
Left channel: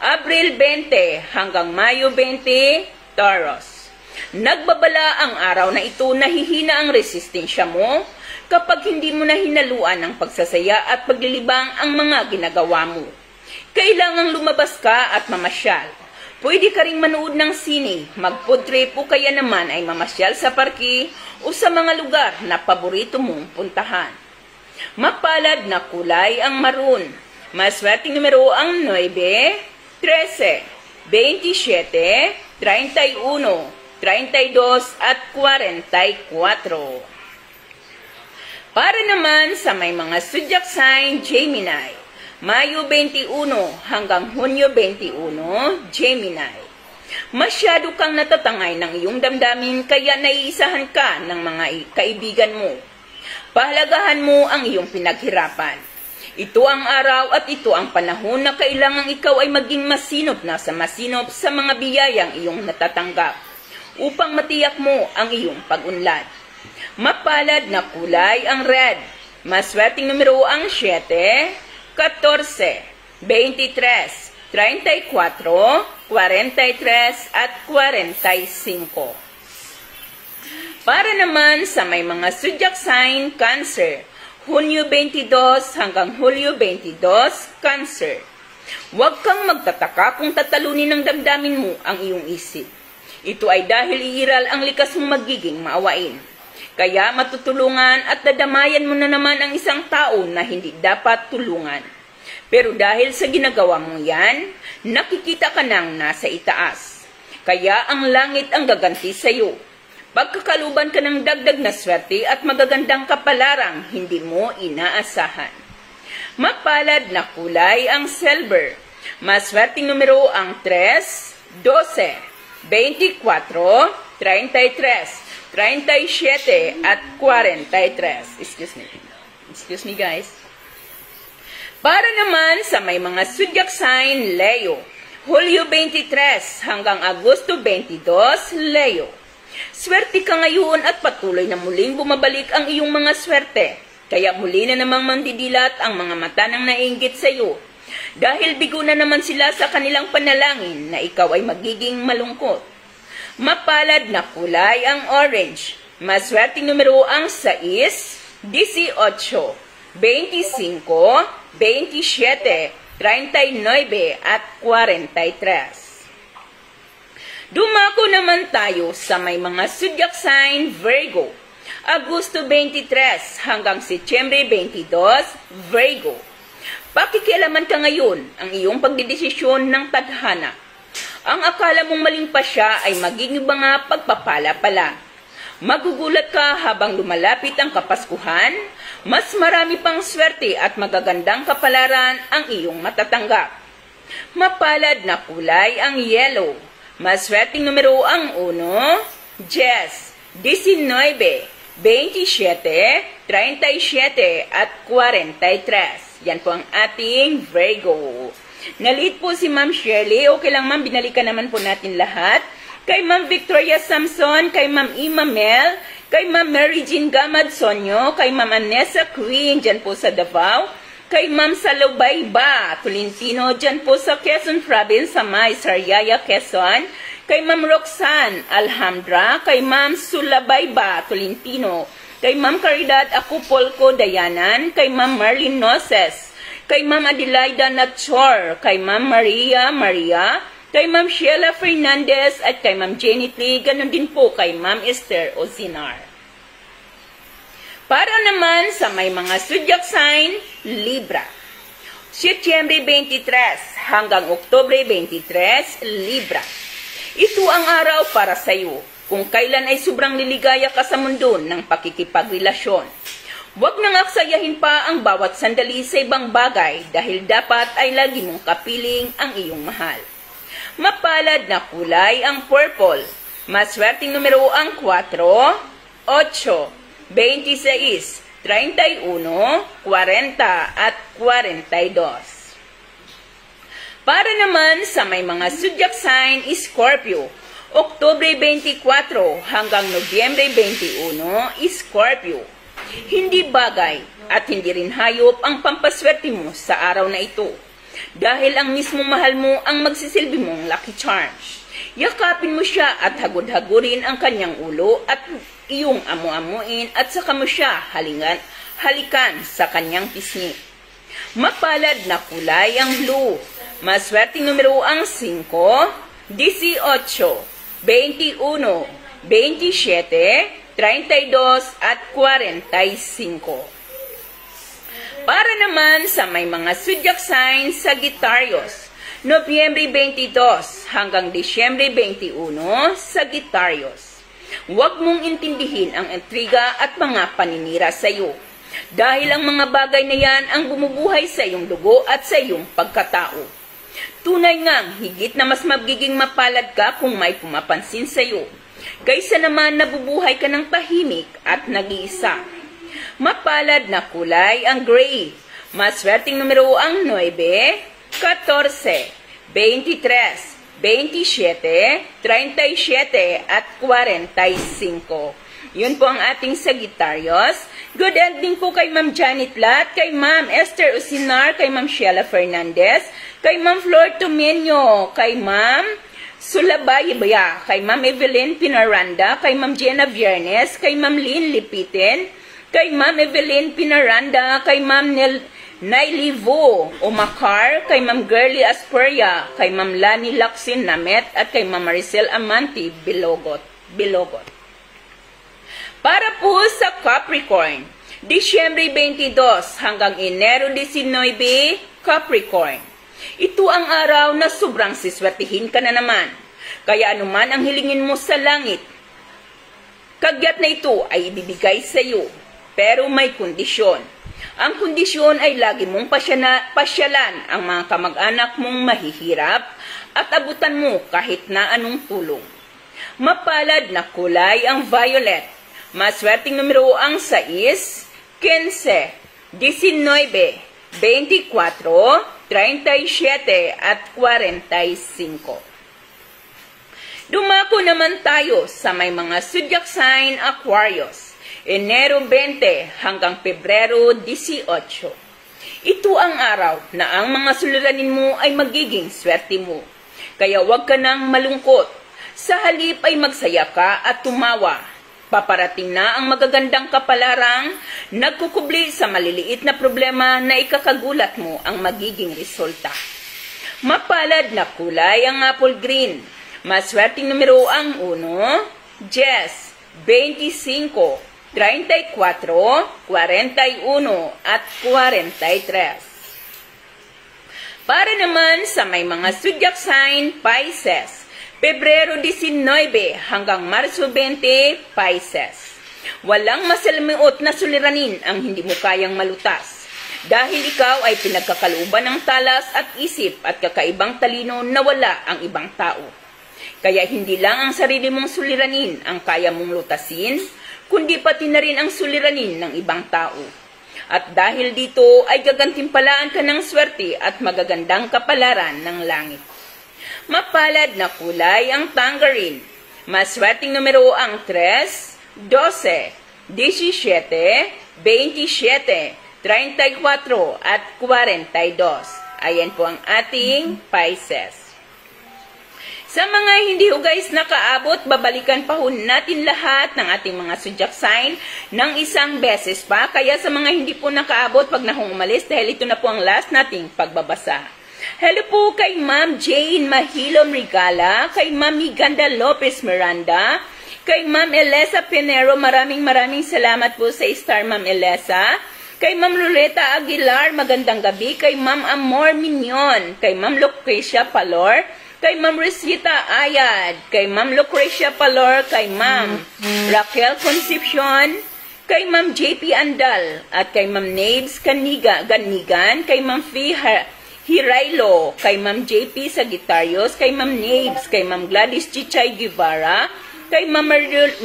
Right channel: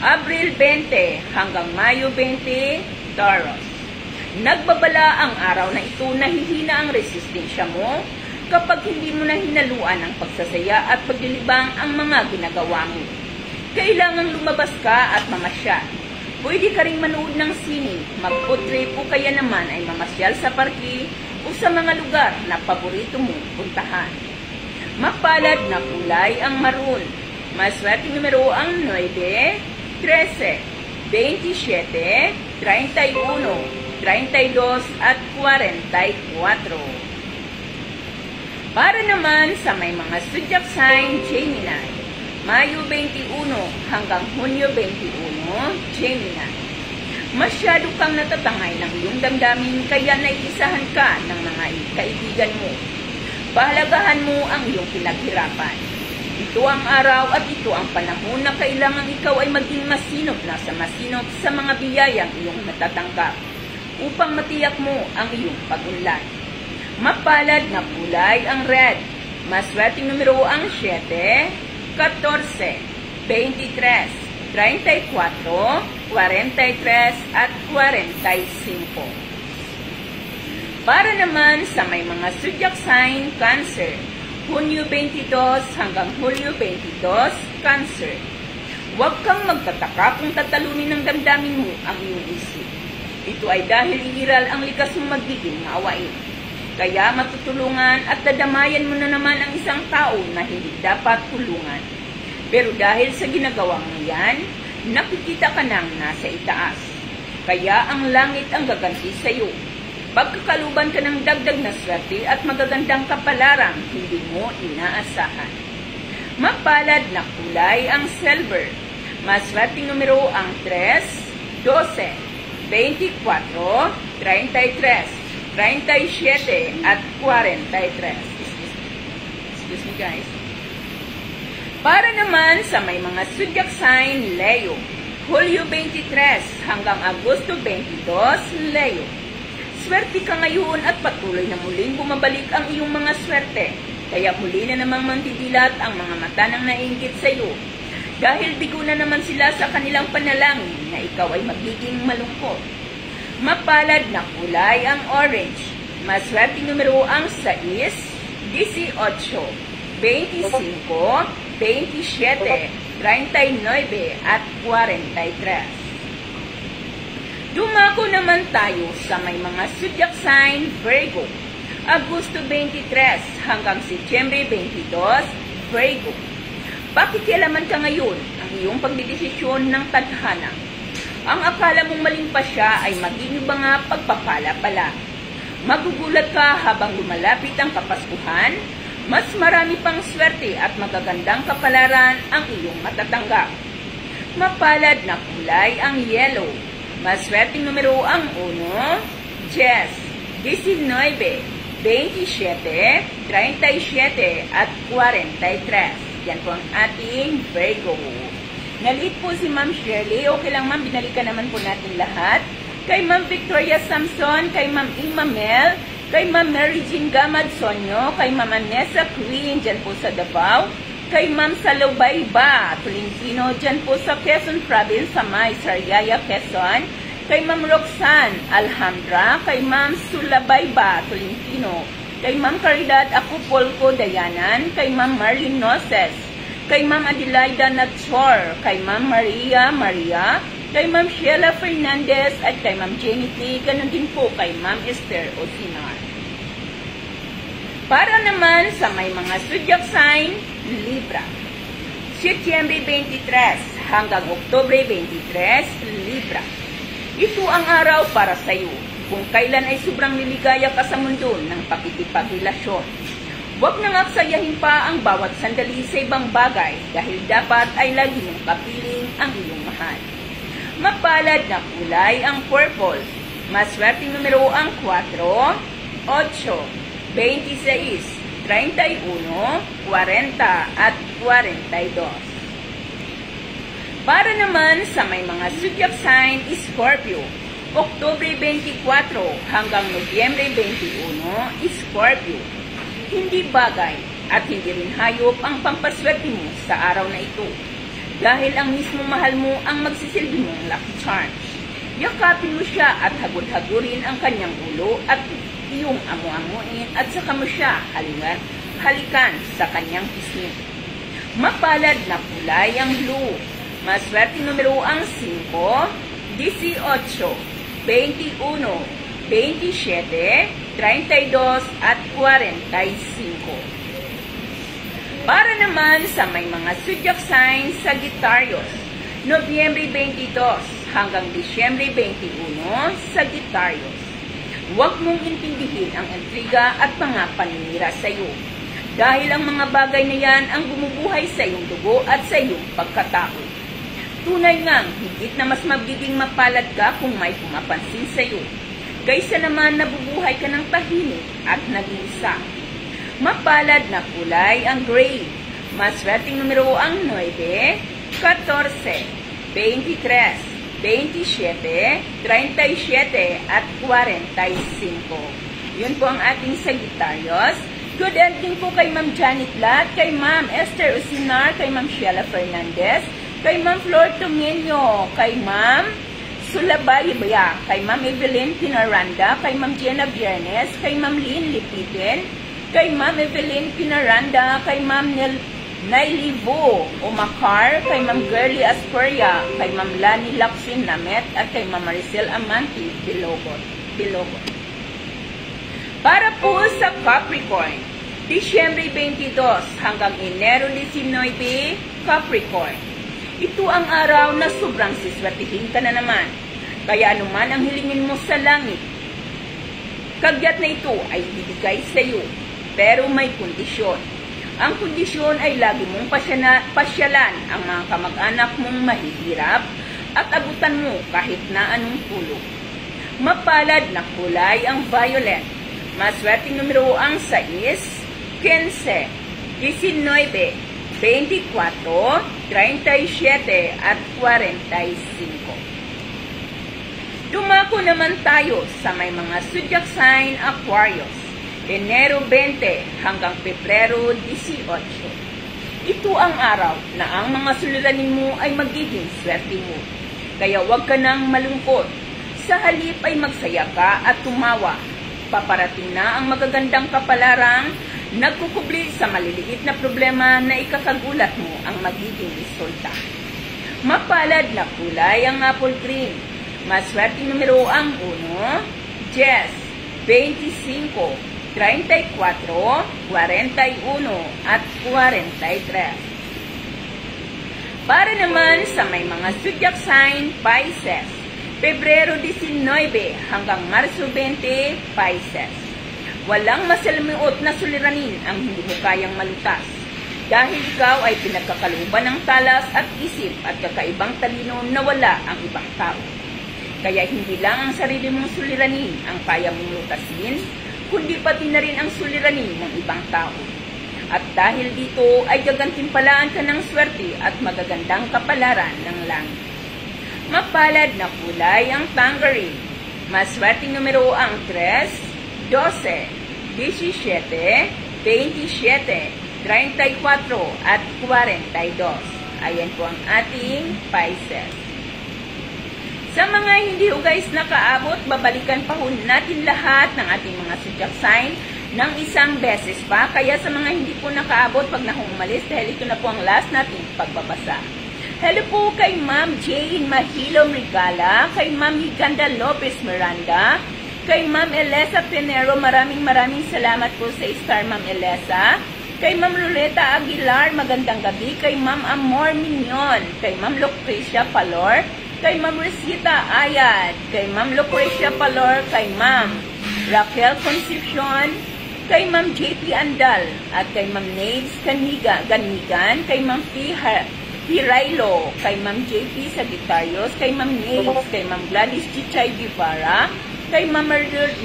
Abril 20 hanggang Mayo 20, Taurus. Nagbabala ang araw na ito na hihina ang resistensya mo kapag hindi mo na hinaluan ang pagsasaya at paglilibang ang mga ginagawa mo. Kailangang lumabas ka at mamasyal. Pwede ka ring manood ng sine, mag-food trip o kaya naman ay mamasyal sa parke o sa mga lugar na paborito mong puntahan. Mapalad na kulay ang maroon. Maswerteng numero ang 9, 13, 27, 31, 32 at 44. Para naman sa may mga zodiac sign Gemini, Mayo 21 hanggang Hunyo 21, Gemini. Masyado kang natatangay ng iyong damdamin kaya naiisahan ka ng mga kaibigan mo. Pahalagahan mo ang iyong pinaghirapan. Ito ang araw at ito ang panahon na kailangang ikaw ay maging masinop na sa masinop sa mga biyayang iyong natatanggap upang matiyak mo ang iyong pag-unlad. Mapalad na kulay ang red. Maswerteng numero ang 7, 14, 23, 34, 43 at 45. Para naman sa may mga zodiac sign Cancer, Hunyo 22 hanggang Hulyo 22, Cancer. Huwag kang magtataka kung tatalunin ng damdamin mo ang iyong isip. Ito ay dahil iiral ang likas mong magiging maawain. Kaya matutulungan at dadamayan mo na naman ang isang tao na hindi dapat tulungan. Pero dahil sa ginagawa mo yan, nakikita ka nang nasa itaas. Kaya ang langit ang gaganti sa iyo. Pagkakaluban ka ng dagdag na swerte at magagandang kapalarang hindi mo inaasahan. Mapalad na kulay ang silver. Maswerteng numero ang 3, 12, 24, 33, 37 at 43. Excuse me guys. Para naman sa may mga zodiac sign Leo, Hulyo 23 hanggang Agosto 22, Leo. Swerte ka ngayon at patuloy na muling bumabalik ang iyong mga swerte. Kaya muli na namang mandidilat ang mga mata ng naiinggit sa iyo. Dahil bigo na naman sila sa kanilang panalangin na ikaw ay magiging malungkot. Mapalad na kulay ang orange. Maswerteng numero ang 6, 18, 25, 27, 39 at 43. Dumako naman tayo sa may mga zodiac sign Virgo. Agosto 23 hanggang Setyembre 22, Virgo. Pakikialaman ka ngayon ang iyong pagdedesisyon ng tadhana. Ang akala mong maling pa siya ay maging mga pagpapala pala. Magugulat ka habang lumalapit ang Kapaskuhan, mas marami pang swerte at magagandang kapalaran ang iyong matatanggap. Mapalad na kulay ang yellow. Maswerteng numero ang 1, 10, 19, 27, 37 at 43. Yan po ang ating Virgo. Nalit po si Ma'am Shirley. Okay lang ma'am, binalikan naman po natin lahat. Kay Ma'am Victoria Samson, kay Ma'am Ima Mel, kay Ma'am Mary Jean Gamad Sonyo, kay Ma'am Anessa Queen, dyan po sa Davao, kay Ma'am Salubayba Tolentino, dyan po sa Quezon Province, sa May Sariaya, Quezon, kay Ma'am Roxanne Alhambra, kay Ma'am Sulabayba Tolentino, kay Ma'am Caridad Acupolco Dayanan, kay Ma'am Marlene Noses, kay Ma'am Adelaida Natchor, kay Ma'am Maria, kay Ma'am Sheila Fernandez, at kay Ma'am Janet Lee, ganun din po kay Ma'am Esther Osinar. Para naman sa may mga zodiac sign, Libra. Setyembre 23 hanggang Oktubre 23, Libra. Ito ang araw para sa iyo kung kailan ay sobrang liligaya ka sa mundo ng pakikipagrelasyon. Huwag nang aksayahin pa ang bawat sandali sa ibang bagay dahil dapat ay lagi mong kapiling ang iyong mahal. Mapalad na kulay ang purple. Maswerteng numero ang 4, 8, 26, 31, 40 at 42. Para naman sa may mga zodiac sign, Scorpio, Oktubre 24 hanggang Nobyembre 21, Scorpio. Hindi bagay at hindi rin hayop ang pampaswerte mo sa araw na ito. Dahil ang mismong mahal mo ang magsisilbi mong lucky charms. Yakapin mo siya at hagod-hagurin ang kanyang ulo at iyong amu-amuin at saka mo siya halikan sa kanyang pisngi. Mapalad na kulay ang blue. Maswerteng numero ang 5, 18, 21, 27, 32 at 45. Para naman sa may mga zodiac signs, Sagittarius, Nobyembre 22 hanggang Disyembre 21, Sagittarius. Huwag mong intindihin ang intriga at mga paninira sa iyo. Dahil ang mga bagay na yan ang bumubuhay sa iyong dugo at sa iyong pagkatao. Tunay ngang higit na mas magiging mapalad ka kung may pumapansin sa iyo. Kaysa naman nabubuhay ka ng tahimik at nag-iisa. Mapalad na kulay ang gray. Maswerteng numero ang 9, 14, 23, 27, 37 at 45. Yun po ang ating Sagittarius. Good ending po kay Ma'am Janet Lat, kay Ma'am Esther Usinar, kay Ma'am Sheila Fernandez, kay Ma'am Flor Tomenyo, kay Ma'am Sulabayibaya, kay Ma'am Evelyn Pinaranda, kay Ma'am Jenna Viernes, kay Ma'am Lynn Lipitin, kay Ma'am Evelyn Pinaranda, kay Ma'am Nailivo Omakar, kay Ma'am Girly Asperia, kay Ma'am Lani Laksin Namet, at kay Ma'am Maricel Amanti Bilogot. Para po sa Capricorn, Disyembre 22 hanggang Enero 19, Capricorn. Ito ang araw na sobrang siswertihin ka na naman. Kaya anuman ang hilingin mo sa langit, kagyat na ito ay ibibigay sa iyo. Pero may kondisyon. Ang kondisyon ay lagi mong pasyalan ang mga kamag-anak mong mahihirap at abutan mo kahit na anong tulong. Mapalad na kulay ang violet. Maswerteng numero ang 6, 15, 19, 24, 37 at 45. Dumako naman tayo sa may mga zodiac sign Aquarius, Enero 20 hanggang Pebrero 18. Ito ang araw na ang mga suliranin mo ay magiging swerte mo. Kaya huwag ka nang malungkot. Sa halip ay magsaya ka at tumawa. Paparating na ang magagandang kapalarang nagkukubli sa maliliit na problema na ikakagulat mo ang magiging resulta. Mapalad na kulay ang apple green. Maswerteng numero ang 1, 10, 25, 34, 41 at 43. Para naman sa may mga zodiac sign, Pisces, Pebrero 19 hanggang Marso 20, Pisces. Walang masalimuot na suliranin ang hindi mo kayang malutas. Dahil ikaw ay pinagkakalooban ng talas at isip at kakaibang talino na wala ang ibang tao. Kaya hindi lang ang sarili mong suliranin ang kaya mong lutasin, kundi pati na rin ang suliranin ng ibang tao. At dahil dito ay gagantimpalaan ka ng swerte at magagandang kapalaran ng langit. Mapalad na kulay ang tangerine. Maswerteng numero ang 3, 12, 17, 27, 34 at 42. Ayan po ang ating Pisces. Sa mga hindi ho guys nakaabot, babalikan pa ho natin lahat ng ating mga zodiac sign ng isang beses pa. Kaya sa mga hindi po nakaabot, wag na hong umalis dahil ito na po ang last nating pagbabasa. Hello po kay Ma'am Jane Mahilom Regala, kay Ma'am Higanda Lopez Miranda, kay Ma'am Elesa Pinero, maraming salamat po sa star Ma'am Elesa, kay Ma'am Loretta Aguilar, magandang gabi, kay Ma'am Amor Mignon, kay Ma'am Lucrecia Palor, kay Ma'am Rosita Ayad, kay Ma'am Lucrecia Palor, kay Ma'am Raquel Concepcion, kay Ma'am JP Andal, at kay Ma'am Naves Ganigan, kay Ma'am Fee Hirailo, kay Ma'am JP Sagittarius, kay Ma'am Naves, kay Ma'am Gladys Chichay Guevara, kay Ma'am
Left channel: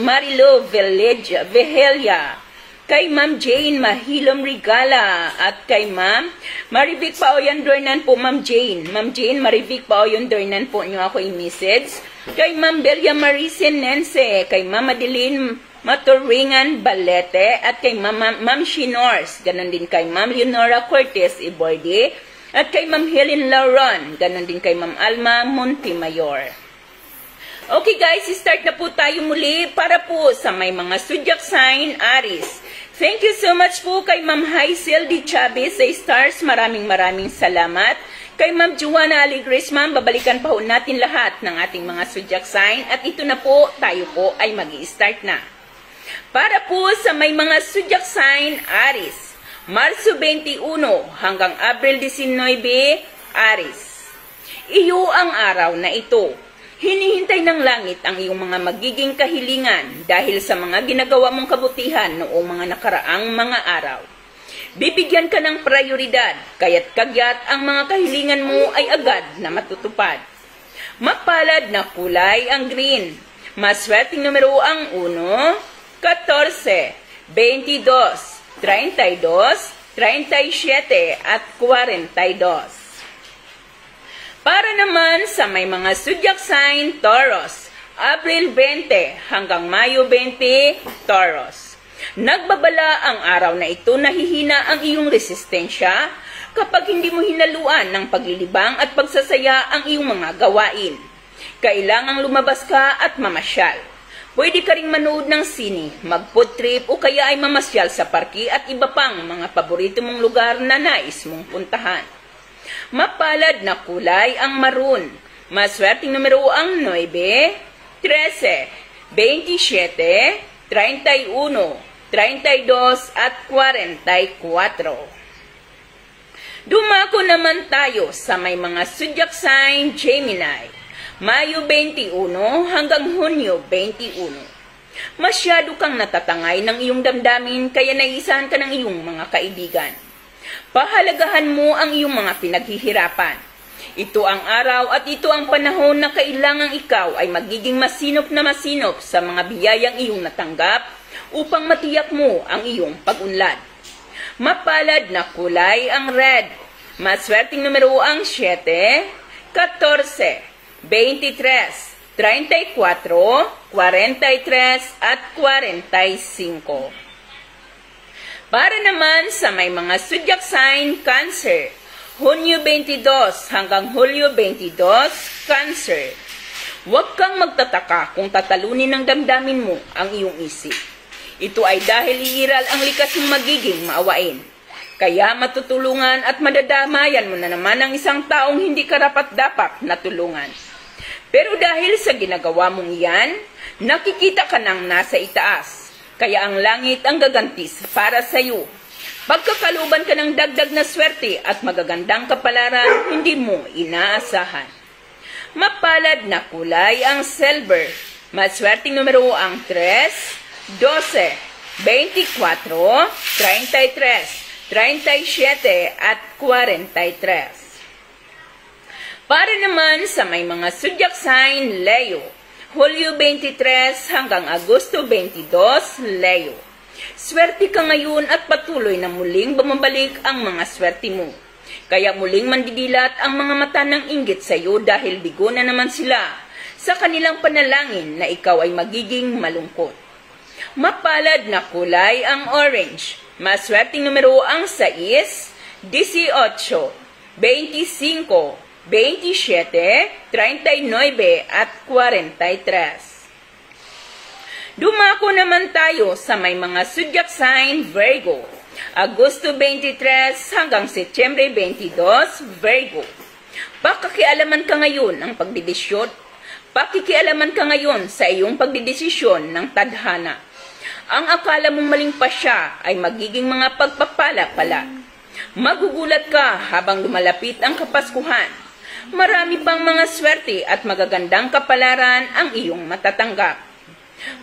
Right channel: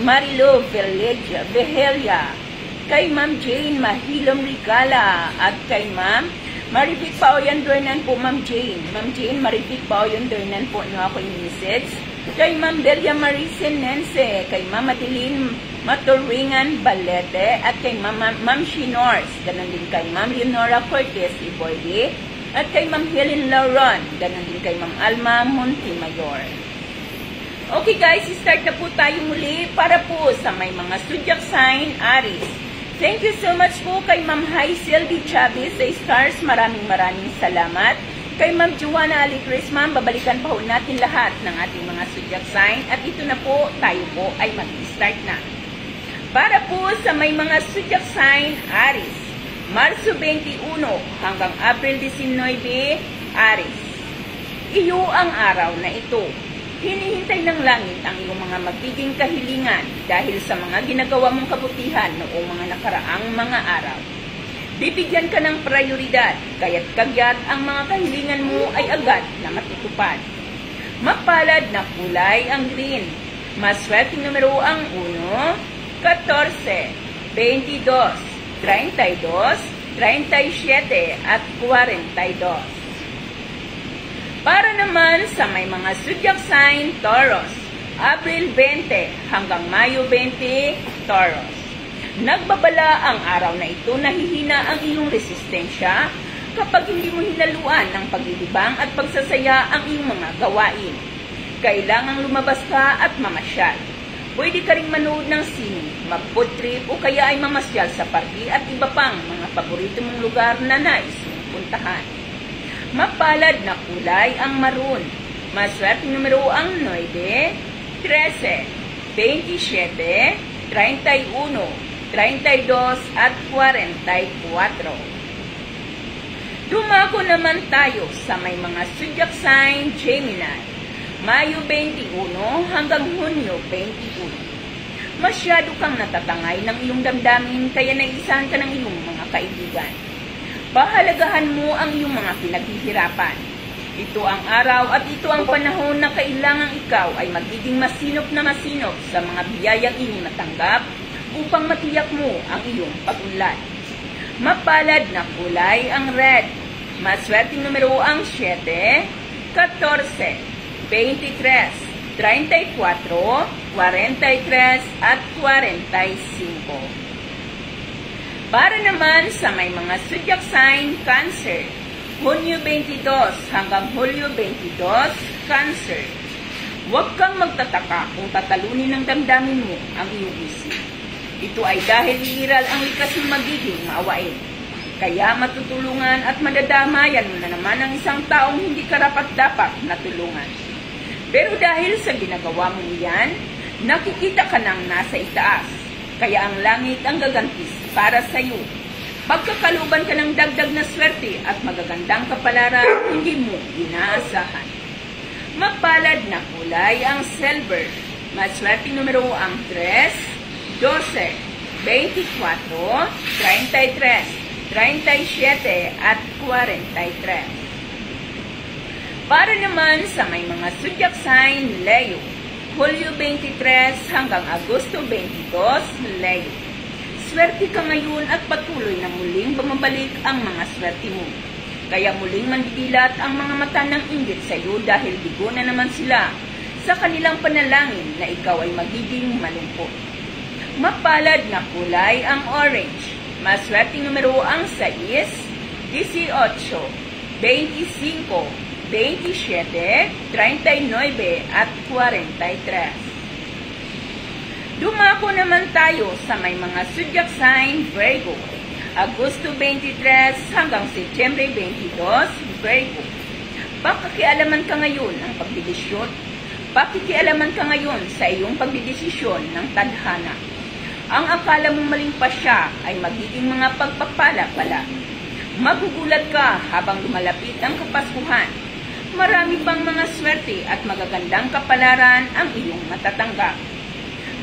Marilo Vehelia, kay Ma'am Jane Mahilom Rigala, at kay Ma'am Maribik Paoyan Dornan po, Ma'am Jane. Ma'am Jane, Maribik Paoyan Dornan po nyo ako i-message. Kay Ma'am Belia Maricen Nense, kay Ma'am Madeline Maturingan Balete, at kay Ma'am Shinors, ganon din kay Ma'am Leonora Cortez Iboide, at kay Ma'am Helen Lauron, ganon din kay Ma'am Alma Montimayor. Okay guys, start na po tayo muli para po sa may mga zodiac sign Aries. Thank you so much po kay Ma'am Hazel D. Chavez sa Stars. Maraming salamat. Kay Ma'am Joanna Aligres, ma'am, babalikan pa ho natin lahat ng ating mga zodiac sign. At ito na po, tayo po ay mag-start na. Para po sa may mga zodiac sign Aries, Marso 21 hanggang April 19, Aries. Iyo ang araw na ito. Hinihintay ng langit ang iyong mga magiging kahilingan dahil sa mga ginagawa mong kabutihan noong mga nakaraang mga araw. Bibigyan ka ng prioridad, kaya't kagyat ang mga kahilingan mo ay agad na matutupad. Mapalad na kulay ang green. Maswerteng numero ang 1, 14, 22, 32, 37 at 42. Para naman sa may mga zodiac sign Taurus, April 20 hanggang Mayo 20, Taurus. Nagbabala ang araw na ito na hihina ang iyong resistensya kapag hindi mo hinaluan ng paglilibang at pagsasaya ang iyong mga gawain. Kailangang lumabas ka at mamasyal. Pwede ka rin manood ng sine, mag-food trip o kaya ay mamasyal sa parke at iba pang mga paborito mong lugar na nais mong puntahan. Mapalad na kulay ang maroon. Maswerteng numero ang 9, 13, 27, 31, 32 at 44. Dumako naman tayo sa may mga zodiac sign Gemini. Mayo 21 hanggang Hunyo 21. Masyado kang natatangay ng iyong damdamin kaya naisahan ka ng iyong mga kaibigan. Pahalagahan mo ang iyong mga pinaghihirapan. Ito ang araw at ito ang panahon na kailangang ikaw ay magiging masinop na masinop sa mga biyayang iyong natanggap upang matiyak mo ang iyong pag-unlad. Mapalad na kulay ang red. Maswerteng numero ang 7, 14, 23, 34, 43 at 45. Para naman sa may mga zodiac sign Cancer, Hunyo 22 hanggang Hulyo 22, Cancer. Huwag kang magtataka kung tatalunin ng damdamin mo ang iyong isip. Ito ay dahil iiral ang likas ng magiging maawain. Kaya matutulungan at madadamayan mo na naman ang isang taong hindi karapat-dapat na tulungan. Pero dahil sa ginagawa mong yan, nakikita ka nang nasa itaas. Kaya ang langit ang gagantis para sa iyo. Pagkakaluban ka ng dagdag na swerte at magagandang kapalaran, hindi mo inaasahan. Mapalad na kulay ang silver. Maswerteng numero ang 3, 12, 24, 33, 37 at 43. Para naman sa may mga zodiac sign Leo, Hulyo 23 hanggang Agosto 22, Leo. Swerte ka ngayon at patuloy na muling bumabalik ang mga swerte mo. Kaya muling mandidilat ang mga mata ng inggit sa iyo dahil bigo na naman sila sa kanilang panalangin na ikaw ay magiging malungkot. Mapalad na kulay ang orange. Maswerteng numero ang 6, 18, 25, 27, 39 at 43. Dumako naman tayo sa may mga zodiac sign Virgo. Agosto 23 hanggang Setyembre 22, Virgo. Pakikialaman ka ngayon ng pagdidesisyon. Pakikialaman ka ngayon sa iyong pagdidesisyon ng tadhana. Ang akala mong maling pasya ay magiging mga pagpapala pala. Magugulat ka habang lumalapit ang Kapaskuhan. Marami pang mga swerte at magagandang kapalaran ang iyong matatanggap.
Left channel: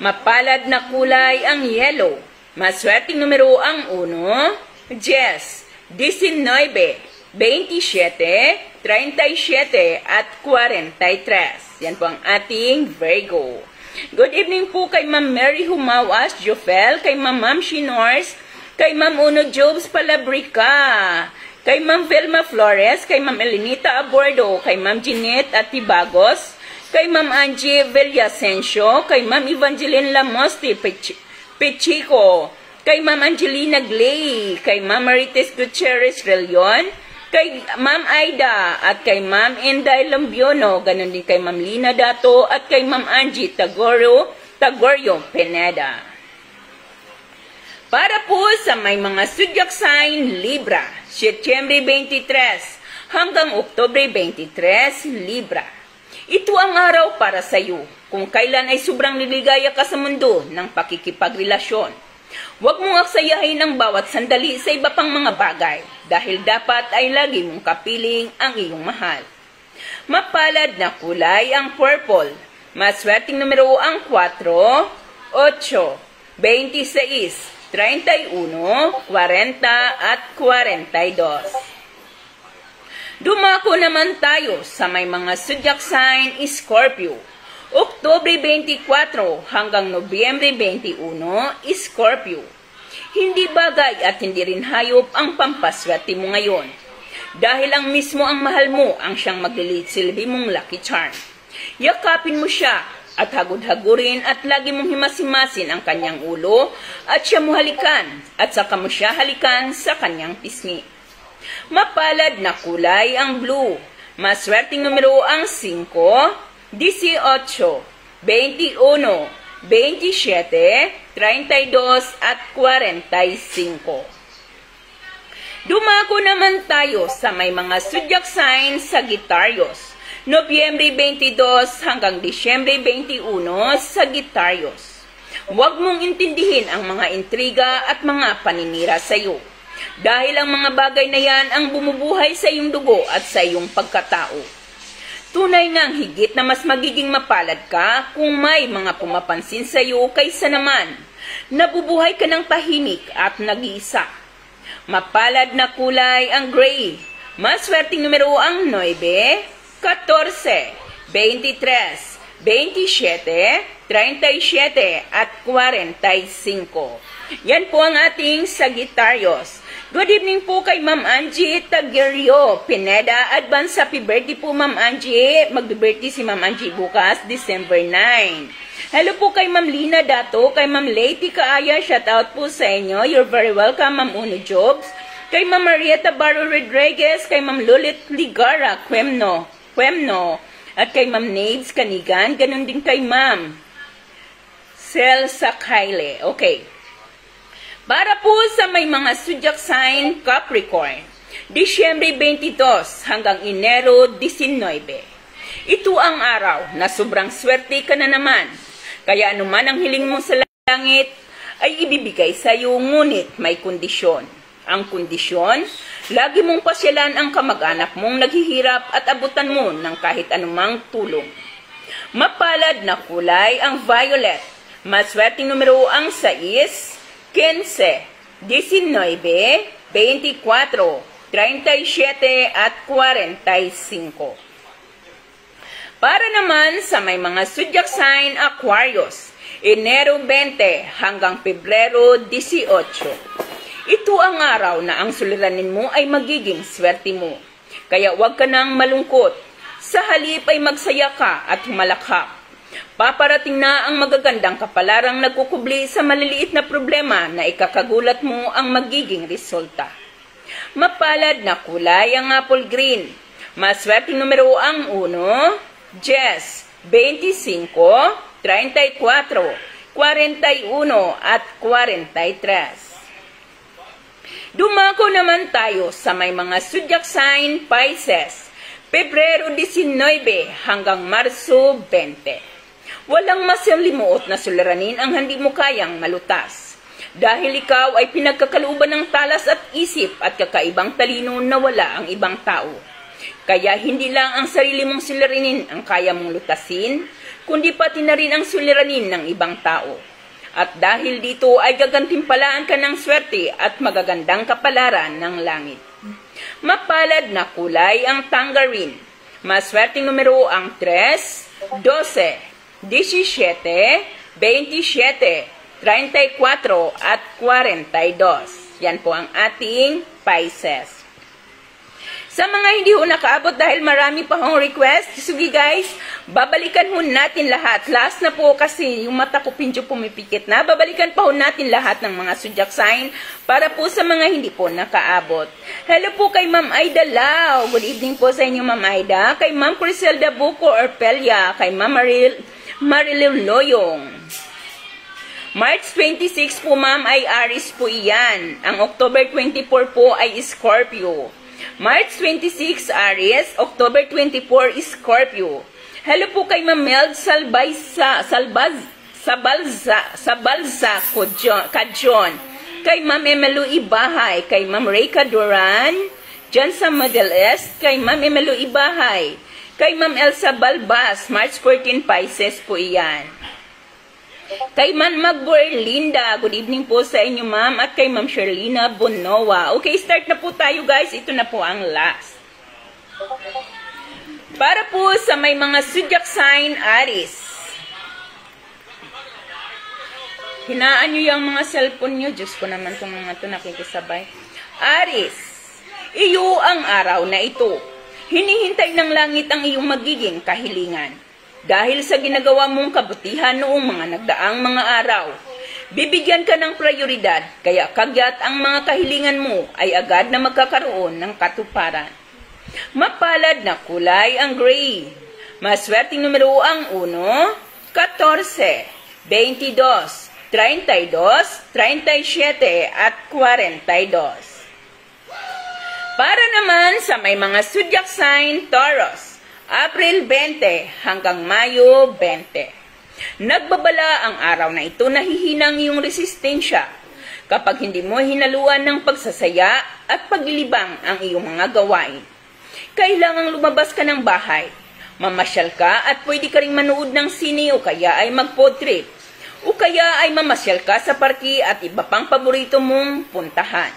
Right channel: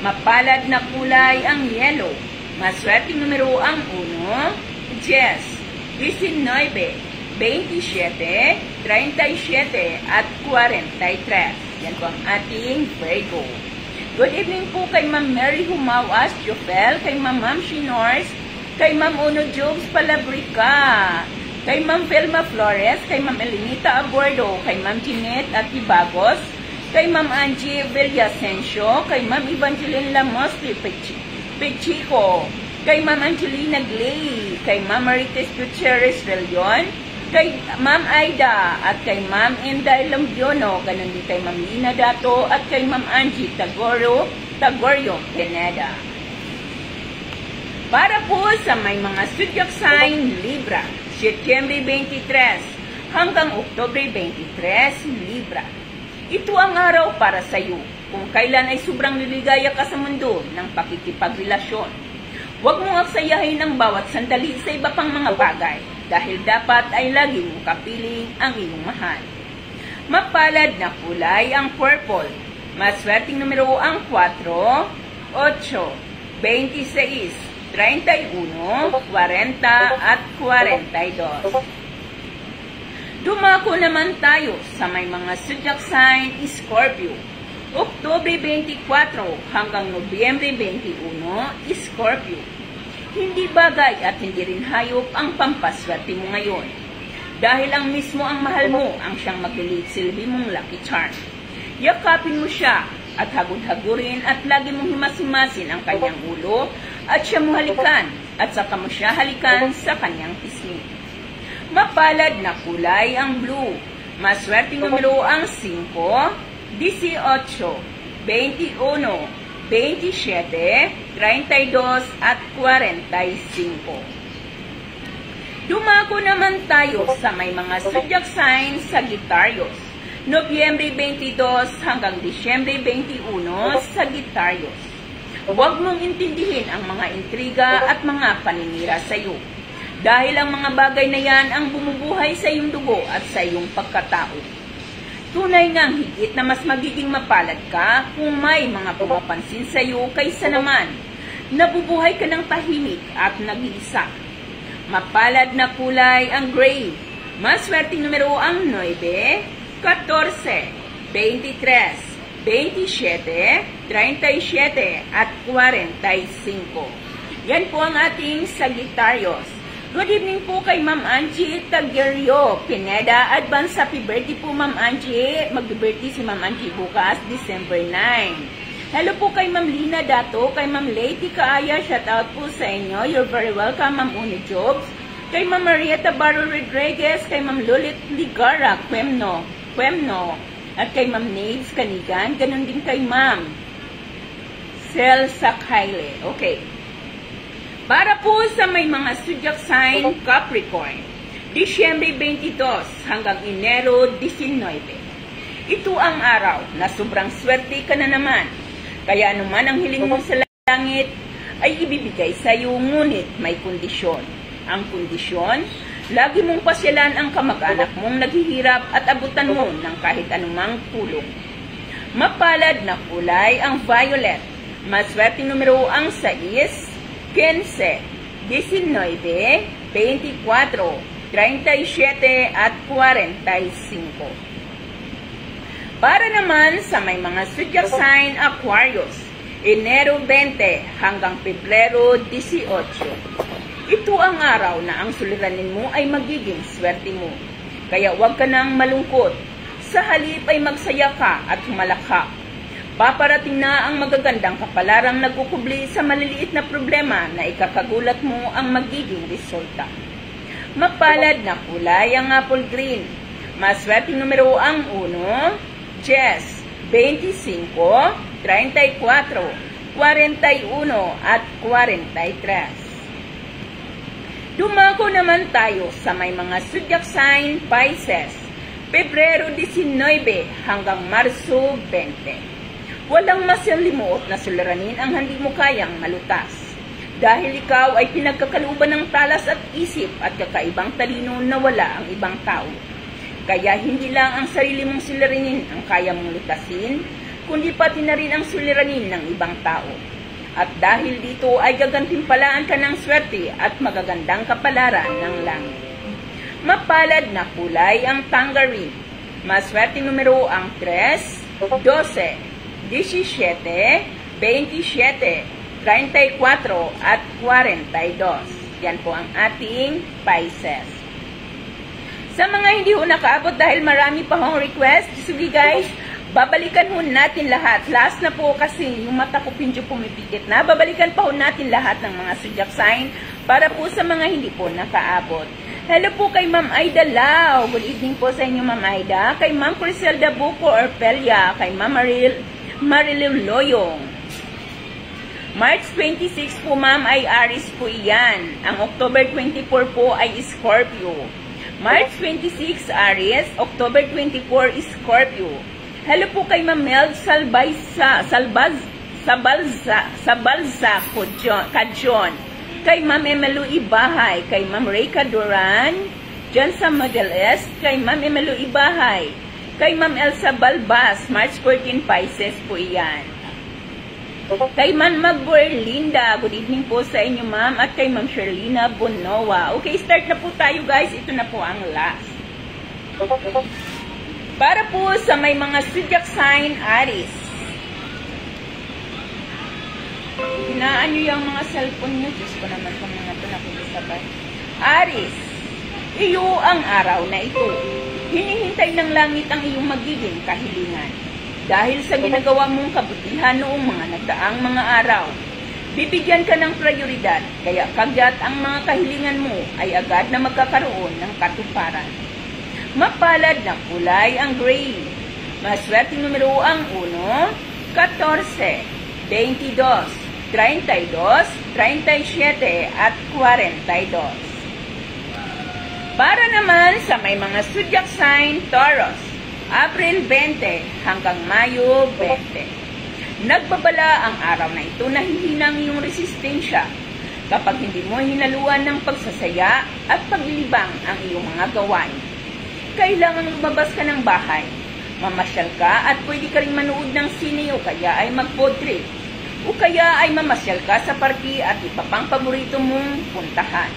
Mapalad na kulay ang yellow. Maswerteng numero ang 1, 10, 19, 27, 37, at 43. Yan po ang ating Virgo. Good evening po kay Ma'am Mary Humawas, Jofel, kay Ma'am Shinors, kay Ma'am Uno Jobs Palabrica, kay Ma'am Velma Flores, kay Ma'am Elenita Abordo, kay Ma'am Jeanette Atibagos, kay Ma'am Angie Villasencio, kay Ma'am Evangeline Lamosti Pechico, kay Ma'am Angelina Glay, kay Ma'am Marites Gutierrez Relion, kay Ma'am Aida, at kay Ma'am Inday Lombiono, ganun din kay Ma'am Lina Dato, at kay Ma'am Angie Tagorio Pineda. Para po sa may mga zodiac sign Libra, Setyembre 23 hanggang Oktubre 23, Libra. Ito ang araw para sa iyo kung kailan ay sobrang niligaya ka sa mundo ng pakikipagrelasyon. Huwag mong aksayahin ang bawat sandali sa iba pang mga bagay dahil dapat ay lagi mong kapiling ang iyong mahal. Mapalad na kulay ang purple. Maswerteng numero ang 4, 8, 26, 31, 40, at 42. Dumako naman tayo sa may mga zodiac sign Scorpio. Oktubre 24 hanggang Nobyembre 21, Scorpio. Hindi bagay at hindi rin hayop ang pampaswerte mo ngayon. Dahil ang mismo ang mahal mo ang siyang maglilitsilbi mong lucky charm. Yakapin mo siya at hagod-hagurin at lagi mong himas-himasin ang kanyang ulo at siya mo halikan at saka mo siya halikan sa kanyang pisngi. Mapalad na kulay ang blue. Maswerteng numero ang 5, 18, 21, 27, 32, at 45. Dumako naman tayo sa may mga zodiac sign Sagittarius. Nobyembre 22 hanggang Disyembre 21, Sagittarius. Huwag mong intindihin ang mga intriga at mga paninira sa iyo. Dahil ang mga bagay na yan ang bumubuhay sa iyong dugo at sa iyong pagkatao. Tunay ngang higit na mas magiging mapalad ka kung may mga pumapansin sa iyo kaysa naman nabubuhay ka ng tahimik at nag-iisa. Mapalad na kulay ang gray. Maswerteng numero ang 9, 14, 23, 27, 37, at 45. Yan po ang ating Sagittarius. Good evening po kay Ma'am Angie Taguerio Pineda. Advance happy birthday po Ma'am Angie. Mag-birthday si Ma'am Angie bukas, December 9. Hello po kay Ma'am Lina Dato, kay Ma'am Lady Kaaya, shout out po sa inyo. You're very welcome Ma'am Uno Jobs. Kay Ma'am Marieta Barro Rodriguez, kay Ma'am Lulit Ligara Quemno, at kay Ma'am Nades Kanigan, ganun din kay Ma'am Sel Sakhaile. Okay. Para po sa may mga zodiac sign Capricorn, Disyembre 22 hanggang Enero 19. Ito ang araw na sobrang swerte ka na naman. Kaya anuman ang hiling mo sa langit ay ibibigay sa iyo, ngunit may kondisyon. Ang kondisyon, lagi mong pasyalan ang kamag-anak mong naghihirap at abutan mo ng kahit anumang tulong. Mapalad na kulay ang violet. Maswerteng numero ang 6, 15, 19, 24, 37, at 45. Para naman sa may mga zodiac sign Aquarius, Enero 20 hanggang Pebrero 18. Ito ang araw na ang suliranin mo ay magiging swerte mo. Kaya huwag ka nang malungkot. Sa halip ay magsaya ka at humalakhak. Paparating na ang magagandang kapalarang nagkukubli sa maliliit na problema na ikakagulat mo ang magiging resulta. Mapalad na kulay ang apple green. Maswerteng numero ang 1, 10, 25, 34, 41, at 43. Dumako naman tayo sa may mga zodiac sign Pisces. Pebrero 19 hanggang Marso 20. Walang masalimuot na suliranin ang hindi mo kayang malutas. Dahil ikaw ay pinagkakalooban ng talas at isip at kakaibang talino na wala ang ibang tao. Kaya hindi lang ang sarili mong suliranin ang kaya mong lutasin, kundi pati na rin ang suliranin ng ibang tao. At dahil dito ay gagantimpalaan ka ng swerte at magagandang kapalaran ng langit. Mapalad na kulay ang tangerine. Maswerteng numero ang 3, 12, 17, 27, 34 at 42. Yan po ang ating Pisces. Sa mga hindi ho nakaabot dahil marami pa hong request, sige guys, babalikan ho natin lahat. Last na po kasi yung mata ko pinjo pumipikit na. Babalikan pa ho natin lahat ng mga zodiac sign para po sa mga hindi po nakaabot. Hello po kay Ma'am Aida Lau. Good evening po sa inyo Ma'am Aida. Kay Ma'am Criselda Buco Orpelia. Kay Ma'am Marilyn Loyong. March 26 po ma'am ay Aries po iyan. Ang October 24 po ay Scorpio. March 26 Aries, October 24 Scorpio. Hello po kay Ma'am Meld Sabalza Kajon. Kay Ma'am Emelu Ibahay. Kay Ma'am Reyka Duran. Diyan sa Middle East. Kay Ma'am Emelu Ibahay. Kay Ma'am Elsa Balbas. March 14 Pisces po iyan. Kay Ma'am Magborlinda, good evening po sa inyo ma'am, at kay Ma'am Sherlina Bonowa. Okay, start na po tayo guys, ito na po ang last. Para po sa may mga zodiac sign Aries. Hinaan nyo yung mga cellphone nyo, Diyos ko naman itong mga ito nakikisabay. Aries, iyo ang araw na ito. Hinihintay ng langit ang iyong magiging kahilingan. Dahil sa ginagawa mong kabutihan noong mga nagdaang mga araw, bibigyan ka ng prioridad, kaya kagyat ang mga kahilingan mo ay agad na magkakaroon ng katuparan. Mapalad na kulay ang gray. Maswerteng numero ang 1, 14, 22, 32, 37 at 42. Para naman sa may mga zodiac sign Taurus, April 20 hanggang Mayo 20. Nagbabala ang araw na ito na hihinang iyong resistensya kapag hindi mo hinaluan ng pagsasaya at paglilibang ang iyong mga gawain. Kailangang lumabas ka ng bahay, mamasyal ka at pwede ka ring manood ng sine o kaya ay mag-food trip o kaya ay mamasyal ka sa parke at iba pang paborito mong puntahan.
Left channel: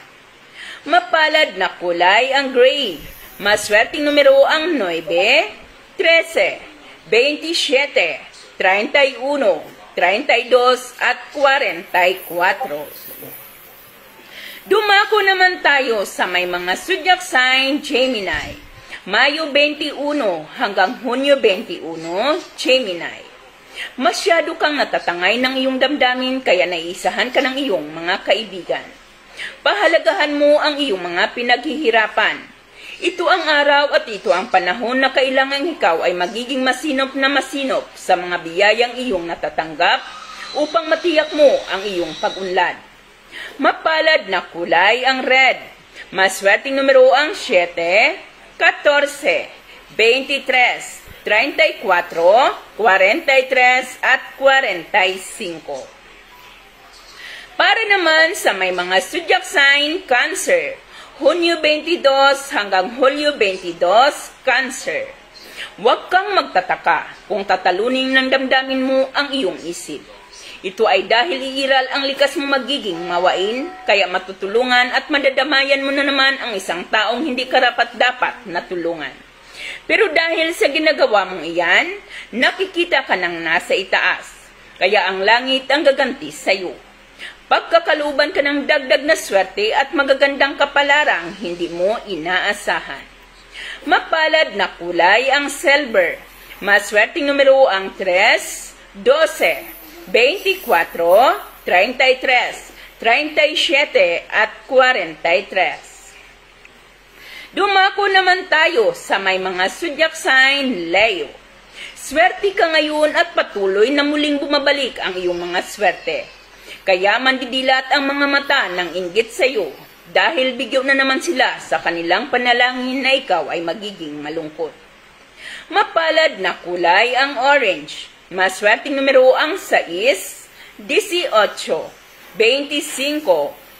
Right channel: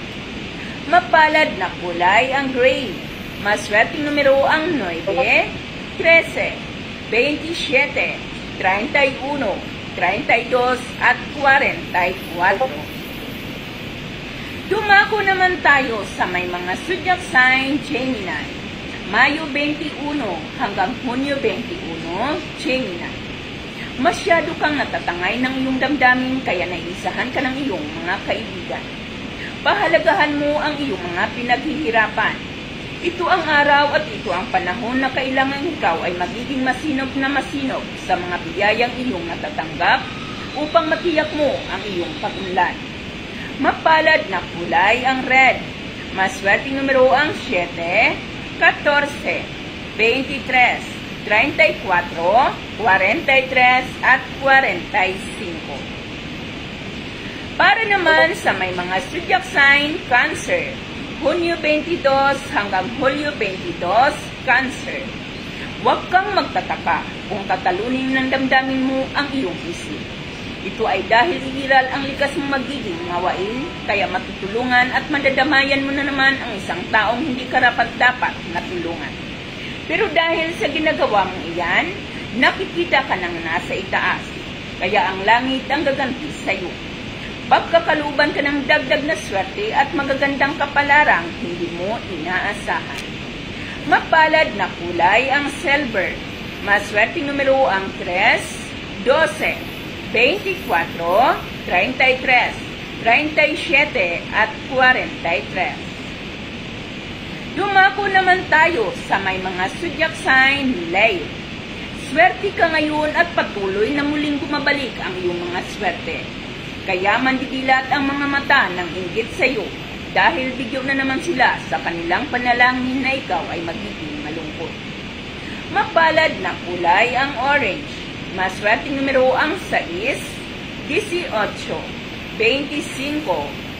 Mapalad na kulay ang gray. Maswerteng numero ang 9, 13, 27, 31, 32 at 44. Dumako naman tayo sa may mga zodiac sign Gemini. Mayo 21 hanggang Hunyo 21, Gemini. Masyado kang natatangay ng iyong damdamin kaya naisahan ka ng iyong mga kaibigan. Pahalagahan mo ang iyong mga pinaghihirapan. Ito ang araw at ito ang panahon na kailangan ikaw ay magiging masinop na masinop sa mga biyayang iyong natatanggap upang matiyak mo ang iyong pag-unlad. Mapalad na kulay ang red. Maswerteng numero ang 7, 14, 23, 34, 43 at 45. Para naman sa may mga zodiac sign Cancer, Hunyo 22 hanggang Hulyo 22, Cancer. Huwag kang magtataka kung tatalunin ng damdamin mo ang iyong isip. Ito ay dahil iiral ang likas mong magiging mawain, kaya matutulungan at madadamayan mo na naman ang isang taong hindi karapat-dapat na tulungan. Pero dahil sa ginagawa mong iyan, nakikita ka ng nasa itaas, kaya ang langit ang gaganti sa iyo. Pagkakaluban ka ng dagdag na swerte at magagandang kapalarang hindi mo inaasahan. Mapalad na kulay ang silver. Maswerteng numero ang 3, 12, 24, 33, 37 at 43. Dumako naman tayo sa may mga zodiac sign Leo. Swerte ka ngayon at patuloy na muling bumabalik ang iyong mga swerte. Kaya mandidilat ang mga mata ng inggit sa iyo dahil bigyo na naman sila sa kanilang panalangin na ikaw ay magiging malungkot. Mapalad na kulay ang orange. Maswerteng numero ang 6, 18, 25,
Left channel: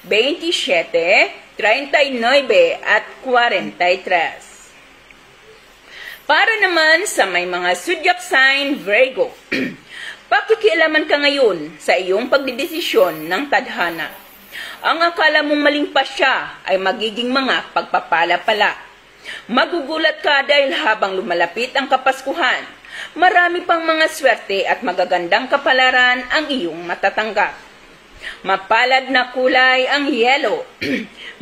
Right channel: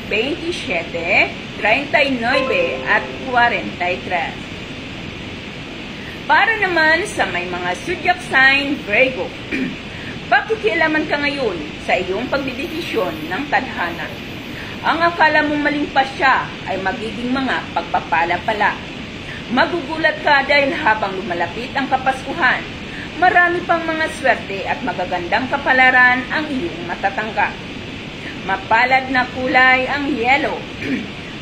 27, 39 at 43. Para naman sa may mga zodiac sign Virgo. Pakikialaman ka ngayon sa iyong pagdidesisyon ng tadhana. Ang akala mong maling pasya ay magiging mga pagpapala pala. Magugulat ka dahil habang lumalapit ang Kapaskuhan, marami pang mga swerte at magagandang kapalaran ang iyong matatanggap. Mapalad na kulay ang yellow.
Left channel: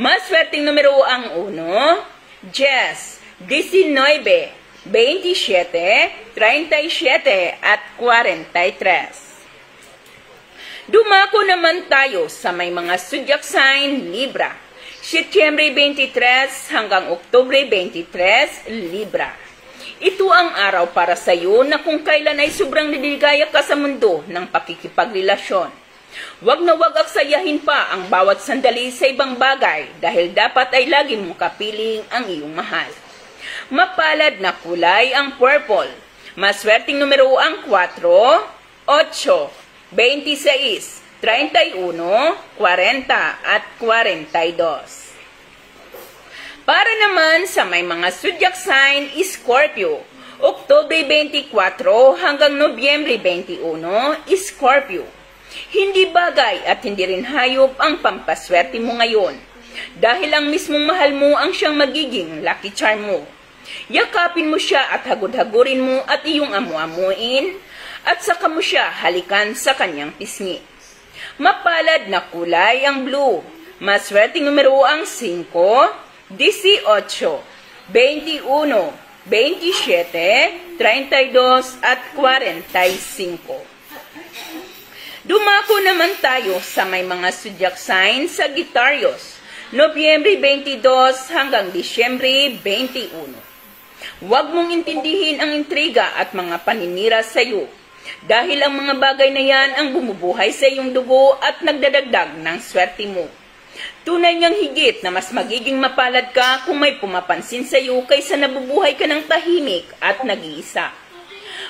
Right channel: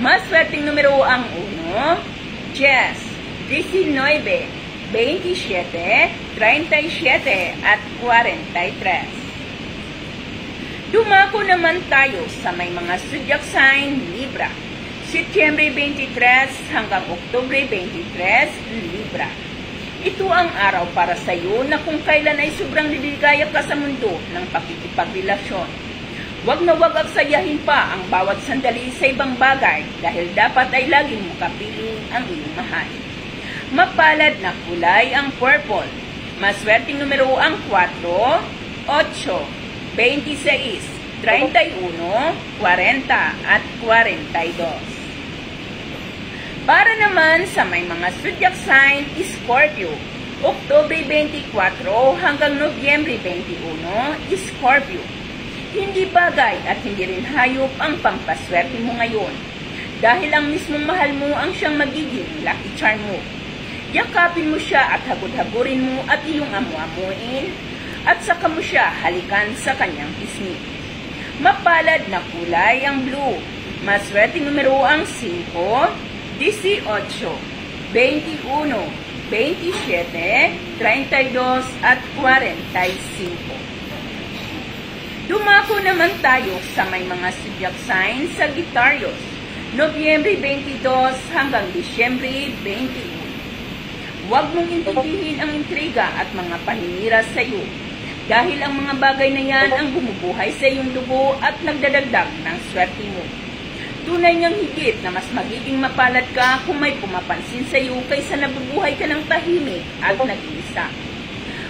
Maswerteng numero ang 1, 10, 19, 27, 37 at 43. Dumako naman tayo sa may mga zodiac sign Libra. Setyembre 23 hanggang Oktubre 23, Libra. Ito ang araw para sa iyo na kung kailan ay sobrang liligaya ka sa mundo ng pakikipagrelasyon. Huwag na huwag aksayahin pa ang bawat sandali sa ibang bagay dahil dapat ay lagi mo kapiling ang iyong mahal. Mapalad na kulay ang purple. Maswerteng numero ang 4, 8, 26, 31, 40 at 42. Para naman sa may mga zodiac sign Scorpio, Oktubre 24 hanggang Nobyembre 21, Scorpio. Hindi bagay at hindi rin hayop ang pampaswerte mo ngayon dahil ang mismong mahal mo ang siyang magiging lucky charm mo. Yakapin mo siya at hagod-hagurin mo at iyong amu-amuin at saka mo siya halikan sa kanyang pisngi. Mapalad na kulay ang blue. Maswerteng numero ang 5, 18, 21, 27, 32 at 45. Dumako naman tayo sa may mga zodiac sign Sagittarius, Nobyembre 22 hanggang Disyembre 21. Huwag mong intindihin ang intriga at mga paninira sa iyo dahil ang mga bagay na yan ang bumubuhay sa iyong dugo at nagdadagdag ng swerte mo. Tunay niyang higit na mas magiging mapalad ka kung may pumapansin sa iyo kaysa nabubuhay ka ng tahimik at nag-iisa.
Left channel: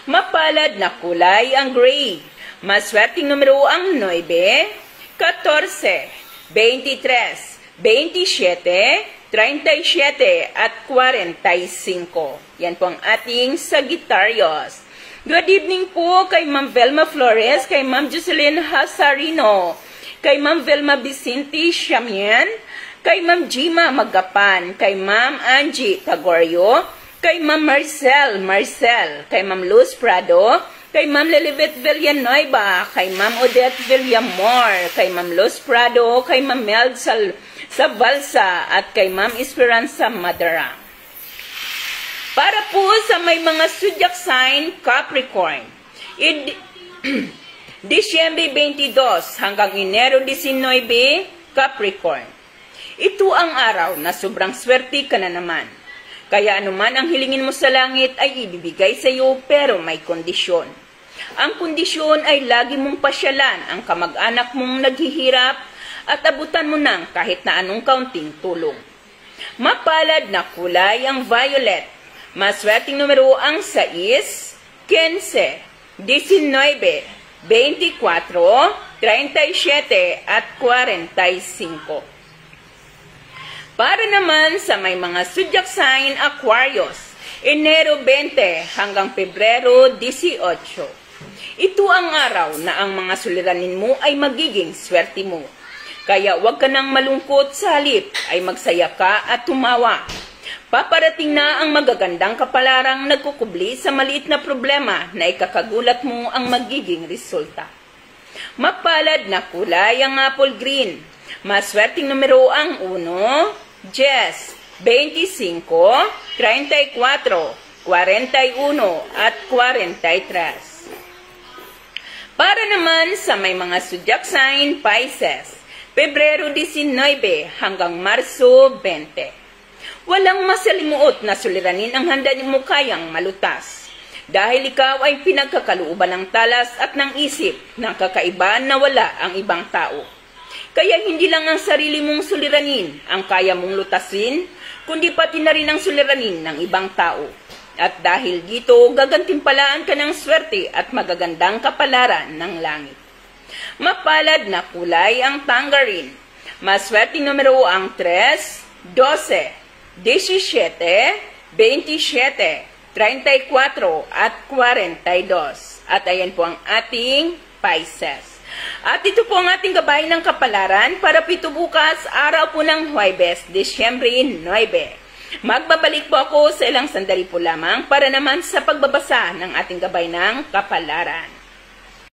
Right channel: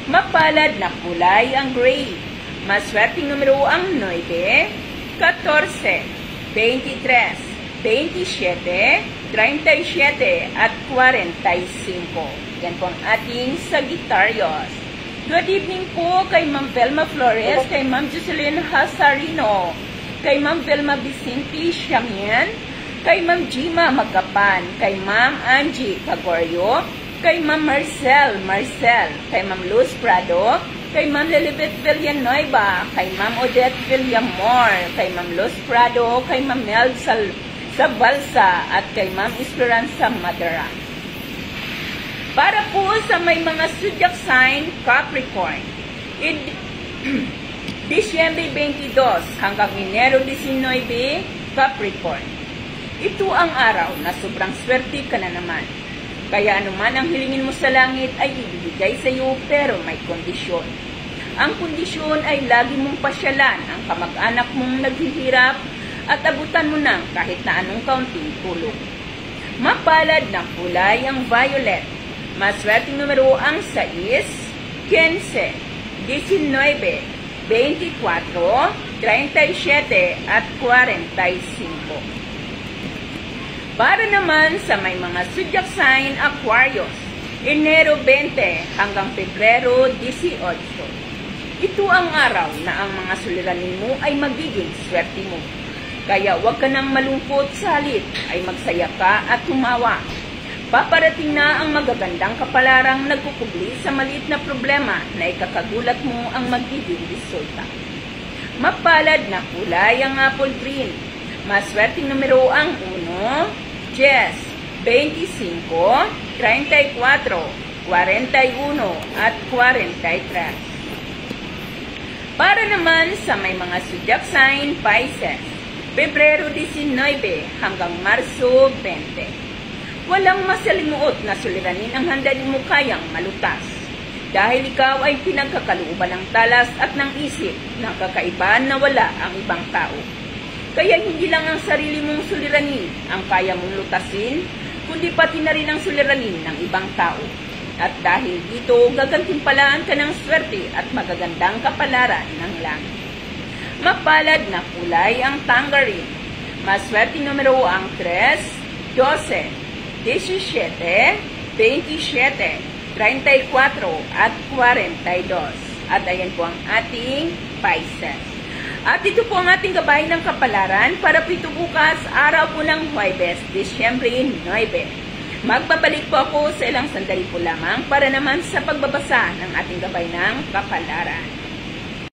Mapalad na kulay ang gray. Maswerteng numero ang 9, 14, 23, 27, 37 at 45. Yan po ang ating Sagittarius. Good evening po kay Ma'am Velma Flores, kay Ma'am Jocelyn Hasarino, kay Ma'am Velma Vicente Siamian, kay Ma'am Jima Magapan, kay Ma'am Angie Pagorio, kay Ma'am Marcel, kay Ma'am Luz Prado, kay Ma'am Lilibet Villanueva, kay Ma'am Odette Villamor, kay Ma'am Luz Prado, kay Ma'am Mel sa Balsa at kay Ma'am Esperanza Madara. Para po sa may mga zodiac sign Capricorn, Disyembre 22 hanggang Enero 19, Capricorn. Ito ang araw na sobrang swerte ka na naman. Kaya anuman ang hilingin mo sa langit ay ibibigay sa iyo pero may kondisyon. Ang kondisyon ay lagi mong pasyalan ang kamag-anak mong naghihirap at abutan mo ng kahit na anong kaunting tulong. Mapalad na kulay ang violet. Maswerteng numero ang 6, 15, 19, 24, 37 at 45. Para naman sa may mga zodiac sign Aquarius, Enero 20 hanggang Pebrero 18. Ito ang araw na ang mga suliranin mo ay magiging swerte mo. Kaya huwag ka nang malungkot, sa halip ay magsaya ka at tumawa. Paparating na ang magagandang kapalarang nagkukubli sa maliit na problema na ikakagulat mo ang magiging resulta. Mapalad na kulay ang apple green. Maswerteng numero ang 1, 10, 25, 34, 41 at 43. Para naman sa may mga zodiac sign Pisces, Pebrero 19 hanggang Marso 20. Walang masalimuot na suliranin ang handa mo kayang malutas. Dahil ikaw ay pinagkakalooban ng talas at ng isip ng kakaiba na wala ang ibang tao. Kaya hindi lang ang sarili mong suliranin ang kaya mong lutasin, kundi pati na rin ang suliranin ng ibang tao. At dahil dito, gagantimpalaan ka ng swerte at magagandang kapalaran ng langit. Mapalad na kulay ang tangerine. Maswerteng numero ang 3, 12, 17, 27, 34 at 42. At ayan po ang ating Pisces. At ito po ang ating gabay ng kapalaran para po ito bukas, araw po ng Huwebes, Disyembre 9. Magbabalik po ako sa ilang sandali po lamang para naman sa pagbabasa ng ating gabay ng kapalaran.